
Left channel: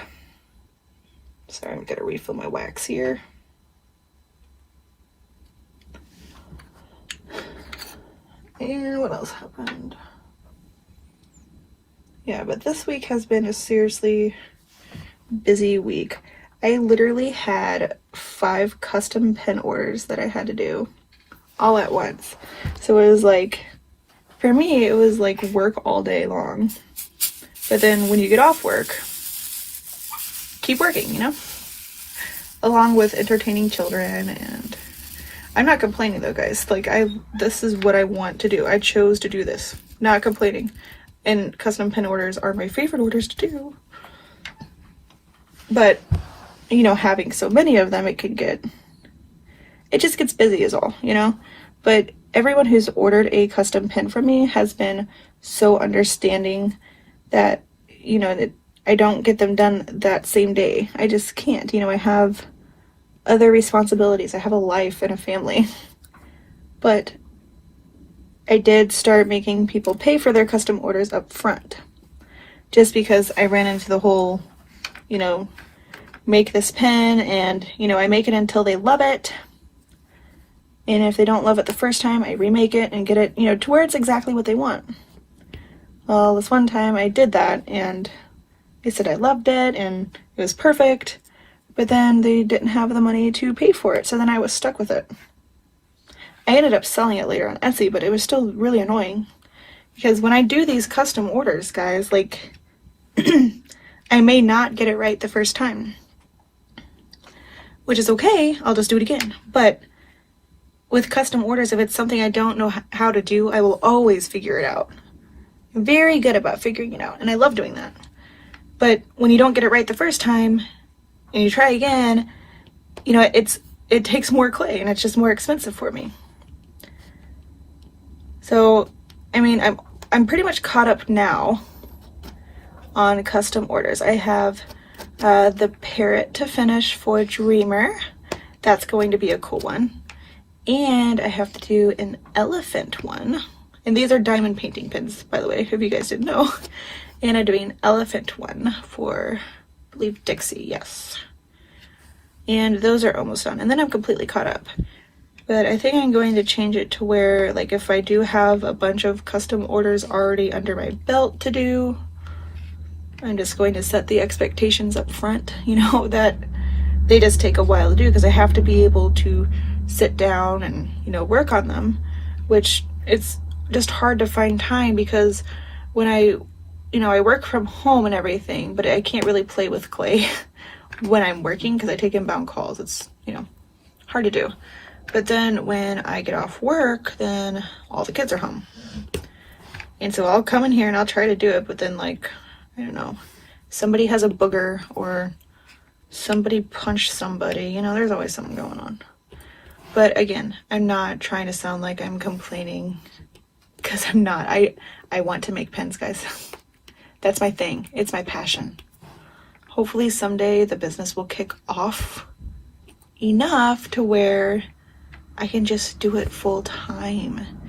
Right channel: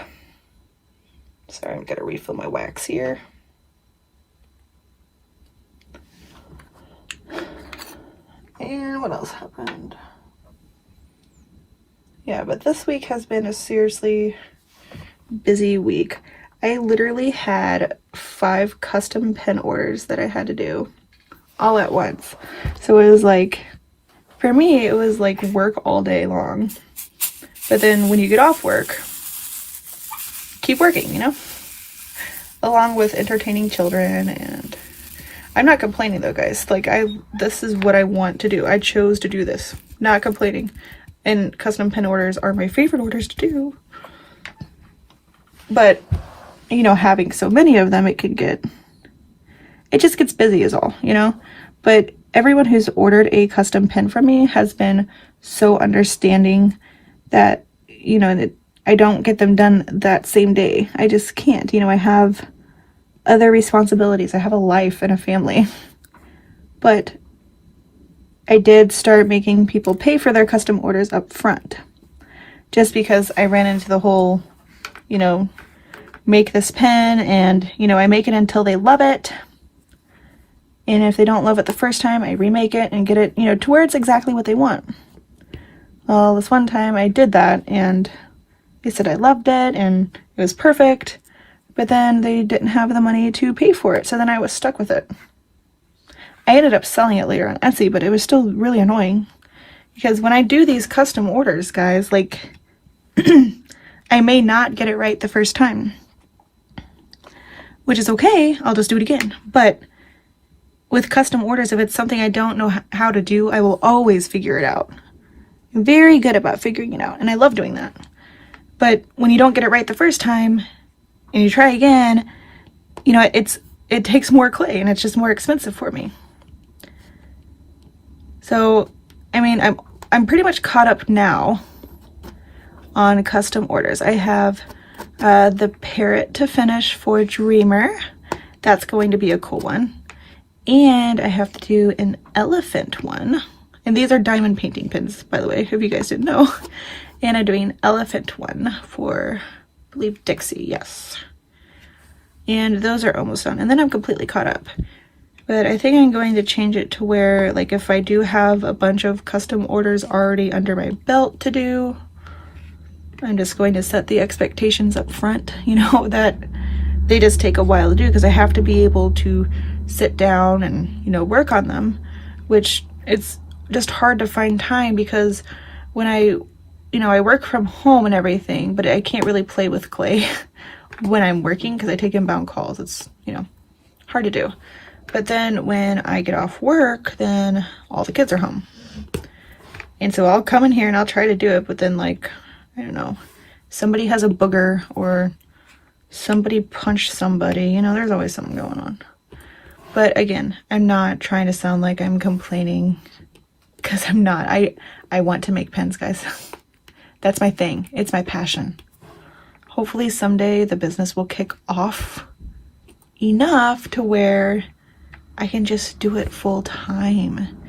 Sorry, I'm gonna refill my wax here. And what else happened? Yeah, but this week has been a seriously busy week. I literally had 5 custom pen orders that I had to do all at once. So it was like, for me, it was like work all day long. But then when you get off work, keep working, you know? Along with entertaining children. And I'm not complaining though, guys. Like, this is what I want to do. I chose to do this, not complaining. And custom pen orders are my favorite orders to do. But, you know, having so many of them, it just gets busy is all, you know? But everyone who's ordered a custom pen from me has been so understanding that, you know, that I don't get them done that same day. I just can't, you know, I have other responsibilities. I have a life and a family. But I did start making people pay for their custom orders up front. Just because I ran into the whole, you know, make this pen and, you know, I make it until they love it. And if they don't love it the first time, I remake it and get it, you know, to where it's exactly what they want. Well, this one time I did that and they said I loved it and it was perfect, but then they didn't have the money to pay for it. So then I was stuck with it. I ended up selling it later on Etsy, but it was still really annoying because when I do these custom orders, guys, like I may not get it right the first time, which is okay. I'll just do it again. But with custom orders, if it's something I don't know how to do, I will always figure it out. I'm very good about figuring it out, and I love doing that. But when you don't get it right the first time and you try again, you know, it takes more clay and it's just more expensive for me. So, I mean, I'm pretty much caught up now on custom orders. I have the parrot to finish for Dreamer. That's going to be a cool one. And I have to do an elephant one. And these are diamond painting pins, by the way, if you guys didn't know. And I'm doing an elephant one for, I believe, Dixie, yes. And those are almost done. And then I'm completely caught up. But I think I'm going to change it to where, like, if I do have a bunch of custom orders already under my belt to do, I'm just going to set the expectations up front, you know, that they just take a while to do because I have to be able to sit down and, you know, work on them, which it's just hard to find time because when I work from home and everything, but I can't really play with clay when I'm working because I take inbound calls. It's, you know, hard to do. But then when I get off work, then all the kids are home. And so I'll come in here and I'll try to do it, but then, like, I don't know, somebody has a booger or somebody punched somebody, you know, there's always something going on. But again, I'm not trying to sound like I'm complaining because I'm not. I want to make pens, guys. That's my thing. It's my passion. Hopefully someday the business will kick off enough to where I can just do it full time.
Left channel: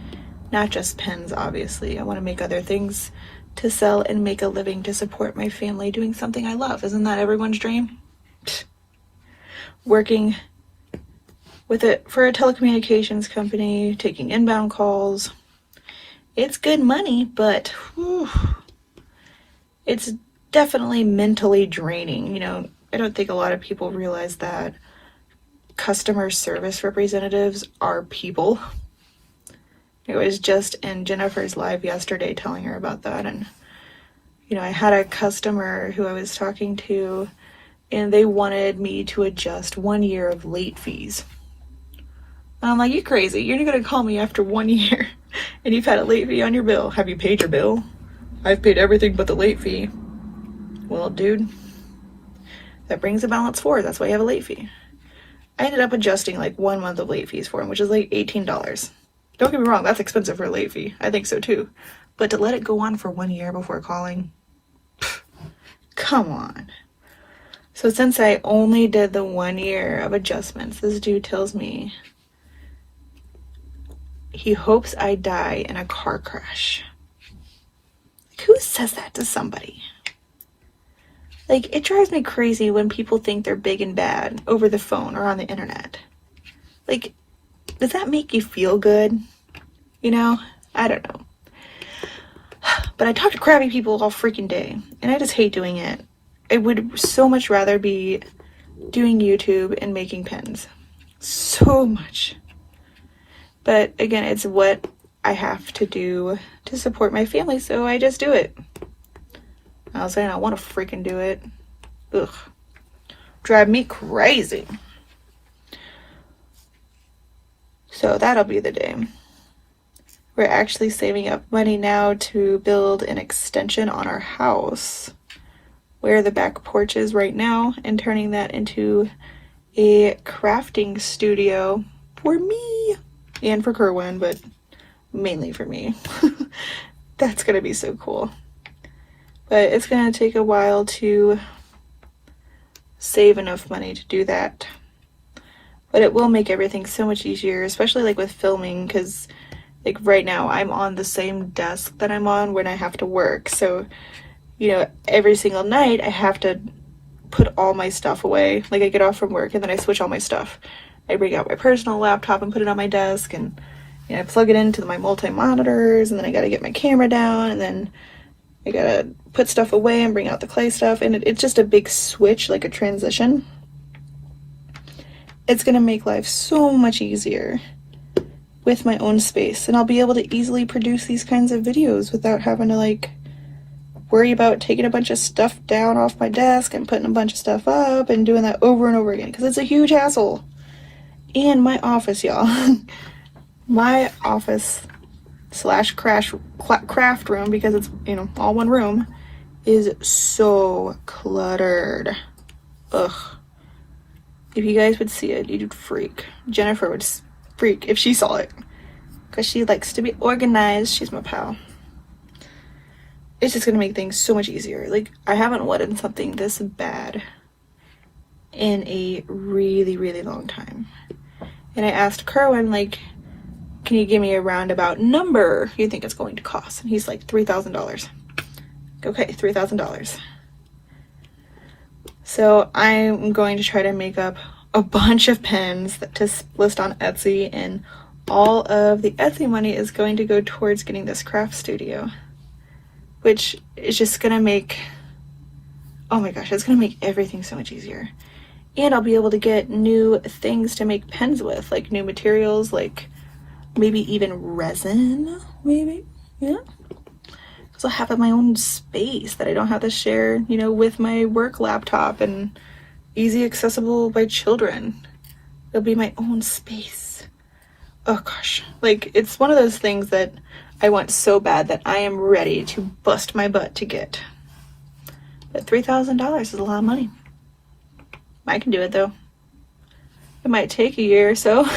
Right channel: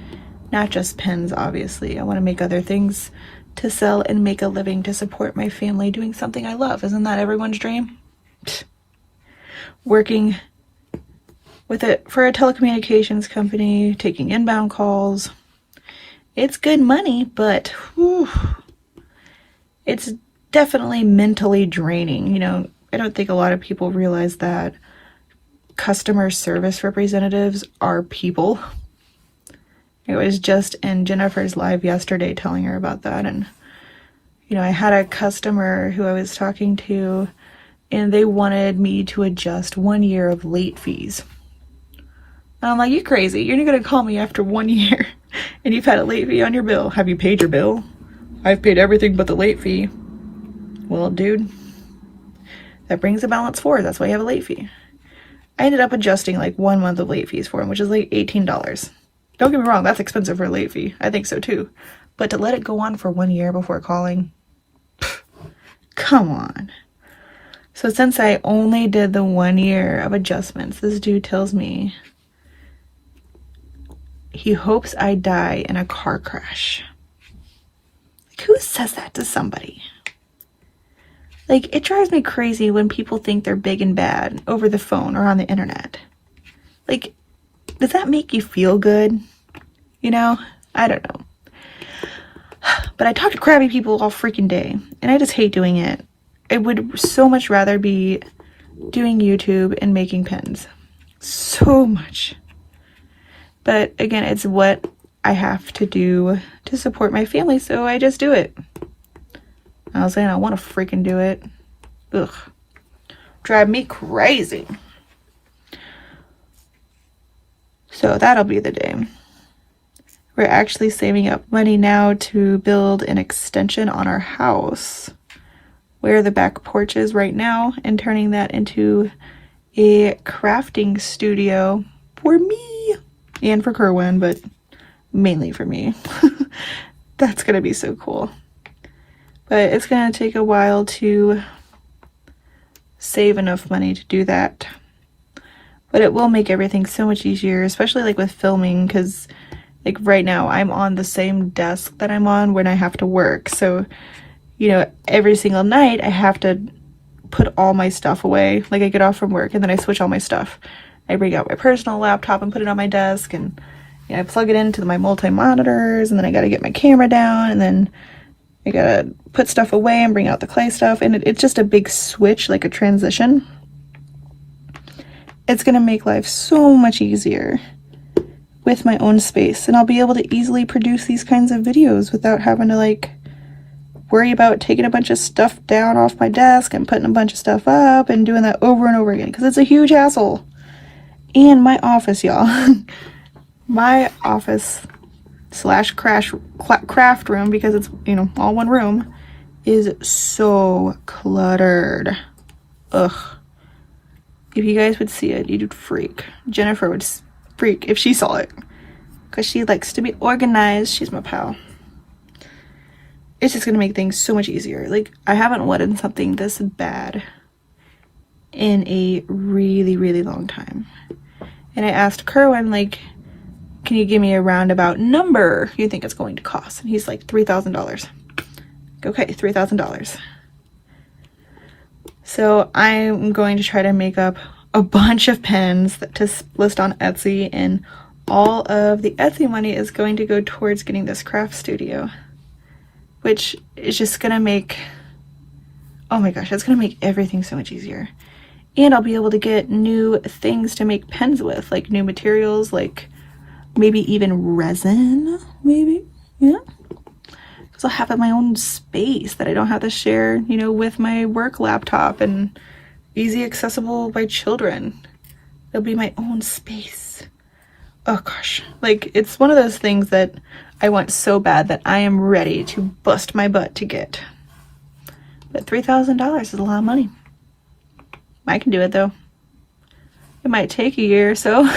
Not just pens, obviously. I want to make other things to sell and make a living to support my family doing something I love. Isn't that everyone's dream? Working for a telecommunications company, taking inbound calls. It's good money, but whew, it's definitely mentally draining. You know, I don't think a lot of people realize that customer service representatives are people. It was just in Jennifer's live yesterday telling her about that. And, you know, I had a customer who I was talking to, and they wanted me to adjust 1 year of late fees. And I'm like, you crazy. You're not going to call me after 1 year and you've had a late fee on your bill. Have you paid your bill? I've paid everything but the late fee. Well, dude, that brings a balance forward. That's why you have a late fee. I ended up adjusting like 1 month of late fees for him, which is like $18. Don't get me wrong, that's expensive for a late fee. I think so too. But to let it go on for 1 year before calling, come on. So since I only did the 1 year of adjustments, this dude tells me he hopes I die in a car crash. Like, who says that to somebody? Like, it drives me crazy when people think they're big and bad over the phone or on the internet. Like, does that make you feel good? You know? I don't know. But I talk to crabby people all freaking day, and I just hate doing it. I would so much rather be doing YouTube and making pins. So much. But again, it's what I have to do to support my family, so I just do it. I was saying I want to freaking do it. Ugh. Drive me crazy. So that'll be the day. We're actually saving up money now to build an extension on our house where the back porch is right now, and turning that into a crafting studio for me and for Kerwin, but mainly for me. That's gonna be so cool. But it's gonna take a while to save enough money to do that. But it will make everything so much easier, especially like with filming, because like right now I'm on the same desk that I'm on when I have to work. So, you know, every single night I have to put all my stuff away. Like I get off from work and then I switch all my stuff. I bring out my personal laptop and put it on my desk, and you know, I plug it into my multi-monitors, and then I gotta get my camera down, and then I gotta put stuff away and bring out the clay stuff. And it's just a big switch, like a transition. It's gonna make life so much easier with my own space, and I'll be able to easily produce these kinds of videos without having to like worry about taking a bunch of stuff down off my desk and putting a bunch of stuff up and doing that over and over again, because it's a huge hassle. And my office, y'all, my office slash craft room, because it's, you know, all one room, is so cluttered. Ugh. If you guys would see it, you'd freak. Jennifer would freak if she saw it, because she likes to be organized. She's my pal. It's just gonna make things so much easier. Like, I haven't wanted something this bad in a really, really long time. And I asked Kerwin, like, can you give me a roundabout number you think it's going to cost? And he's like, $3,000. Okay, $3,000. So I'm going to try to make up a bunch of pens to list on Etsy, and all of the Etsy money is going to go towards getting this craft studio, which is just gonna make, oh my gosh, it's gonna make everything so much easier. And I'll be able to get new things to make pens with, like new materials, like maybe even resin, maybe, yeah. Because I'll have my own space that I don't have to share, you know, with my work laptop, and easy accessible by children. It'll be my own space. Oh gosh, like it's one of those things that I want so bad that I am ready to bust my butt to get. But $3,000 is a lot of money. I can do it though. It might take a year or so,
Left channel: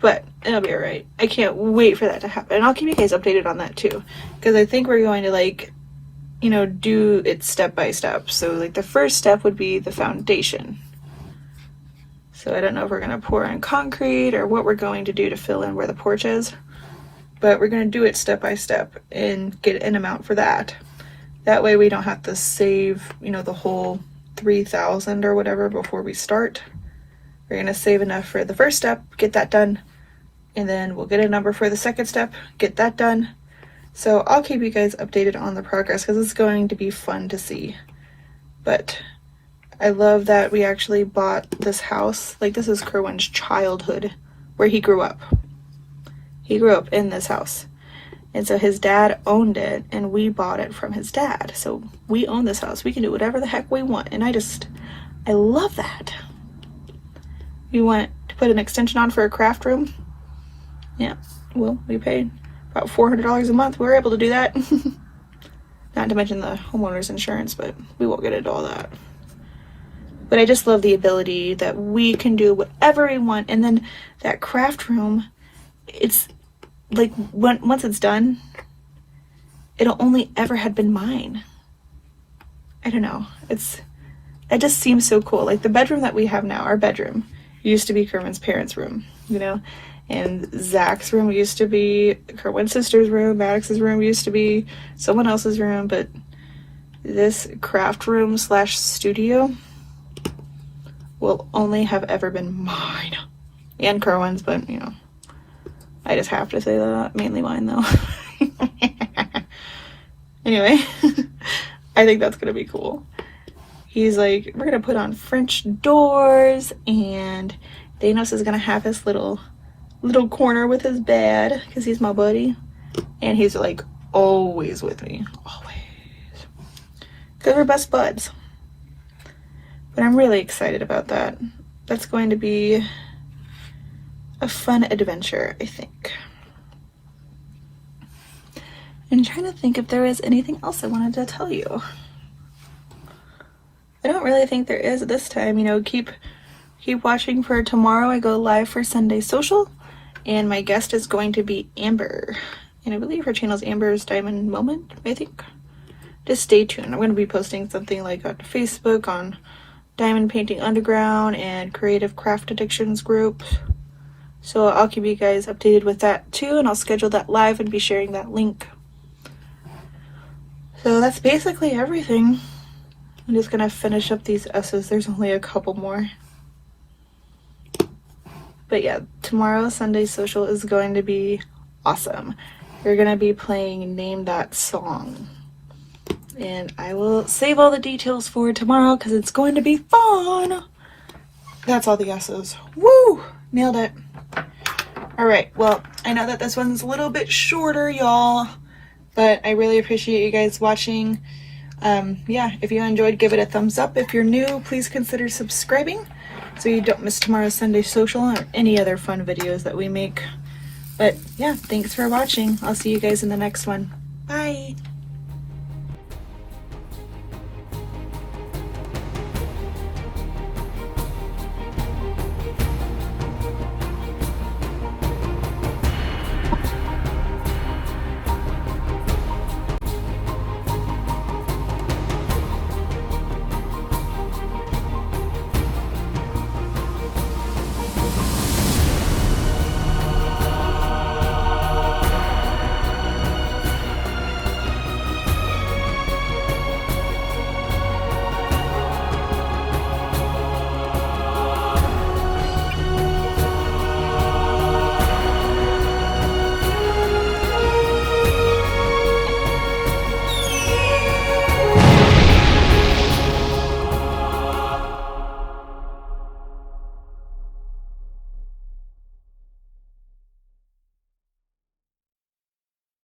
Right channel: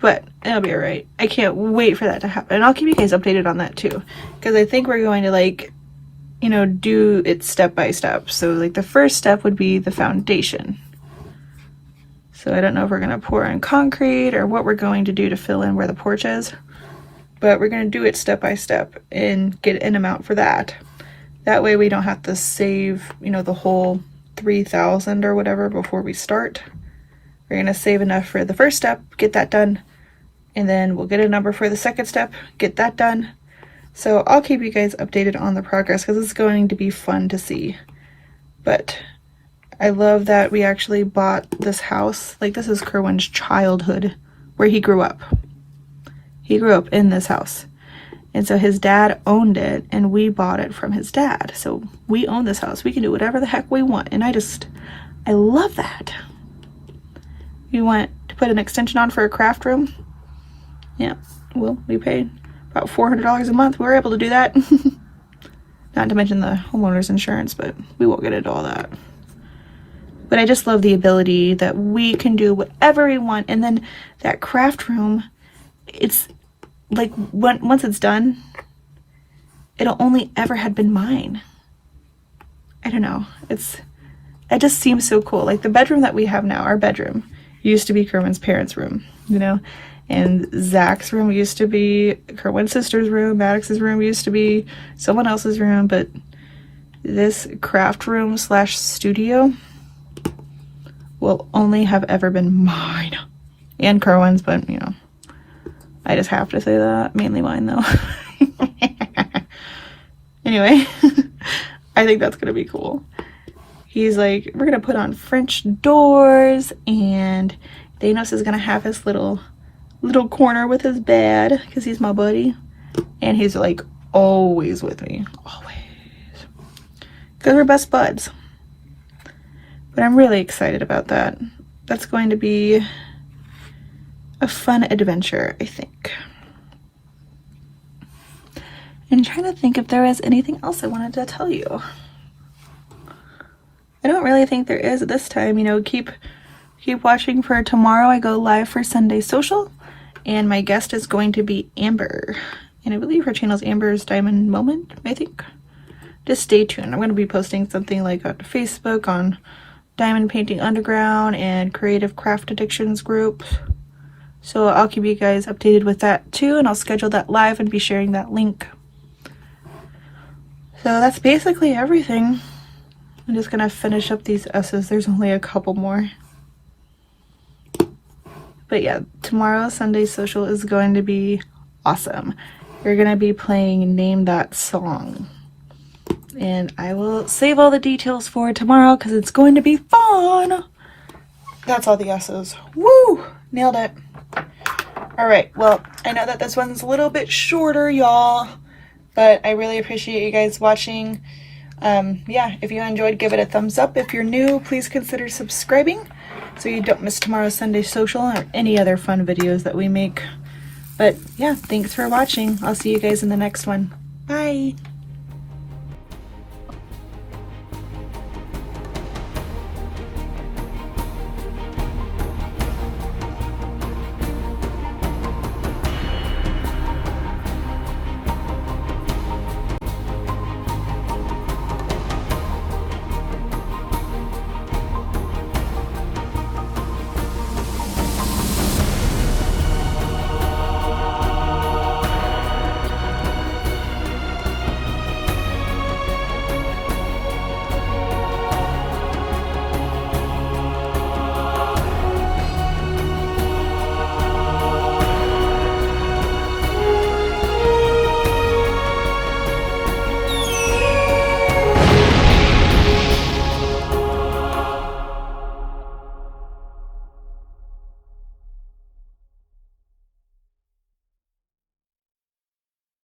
but it'll be all right. I can't wait for that to happen. And I'll keep you guys updated on that too, because I think we're going to, like, you know, do it step by step. So like the first step would be the foundation. So I don't know if we're gonna pour in concrete or what we're going to do to fill in where the porch is, but we're gonna do it step by step and get an amount for that. That way we don't have to save, you know, the whole 3,000 or whatever before we start. We're gonna save enough for the first step, get that done, and then we'll get a number for the second step, get that done. So I'll keep you guys updated on the progress because it's going to be fun to see. But I love that we actually bought this house. Like, this is Kerwin's childhood, where he grew up. He grew up in this house. And so his dad owned it, and we bought it from his dad. So we own this house. We can do whatever the heck we want. And I love that. We want to put an extension on for a craft room. Yeah, well, we paid about $400 a month. We were able to do that. Not to mention the homeowner's insurance, but we won't get into all that. But I just love the ability that we can do whatever we want. And then that craft room, it's like, once it's done, it'll only ever have been mine. I don't know. It just seems so cool. Like, the bedroom that we have now, our bedroom, used to be Kerwin's parents' room, you know? And Zach's room used to be Kerwin's sister's room. Maddox's room used to be someone else's room. But this craft room / studio will only have ever been mine. And Kerwin's, but, you know, I just have to say that. Mainly mine, though. Anyway, I think that's going to be cool. He's like, we're going to put on French doors, and Thanos is going to have his little corner with his bed, because he's my buddy. And he's, like, always with me. Always. Because we're best buds. But I'm really excited about that. That's going to be a fun adventure, I think. I'm trying to think if there is anything else I wanted to tell you. I don't really think there is this time. You know, keep watching for tomorrow. I go live for Sunday Social, and my guest is going to be Amber. And I believe her channel is Amber's Diamond Moment, I think. Just stay tuned. I'm going to be posting something like on Facebook, on Diamond Painting Underground and Creative Craft Addictions group. So I'll keep you guys updated with that too, and I'll schedule that live and be sharing that link. So that's basically everything. I'm just gonna finish up these S's. There's only a couple more. But yeah, tomorrow, Sunday Social, is going to be awesome. You're gonna be playing Name That Song. And I will save all the details for tomorrow because it's going to be fun. That's all the S's. Woo! Nailed it. All right, well, I know that this one's a little bit shorter, y'all, but I really appreciate you guys watching. Yeah, if you enjoyed, give it a thumbs up. If you're new, please consider subscribing so you don't miss tomorrow's Sunday Social or any other fun videos that we make. But yeah, thanks for watching. I'll see you guys in the next one. Bye.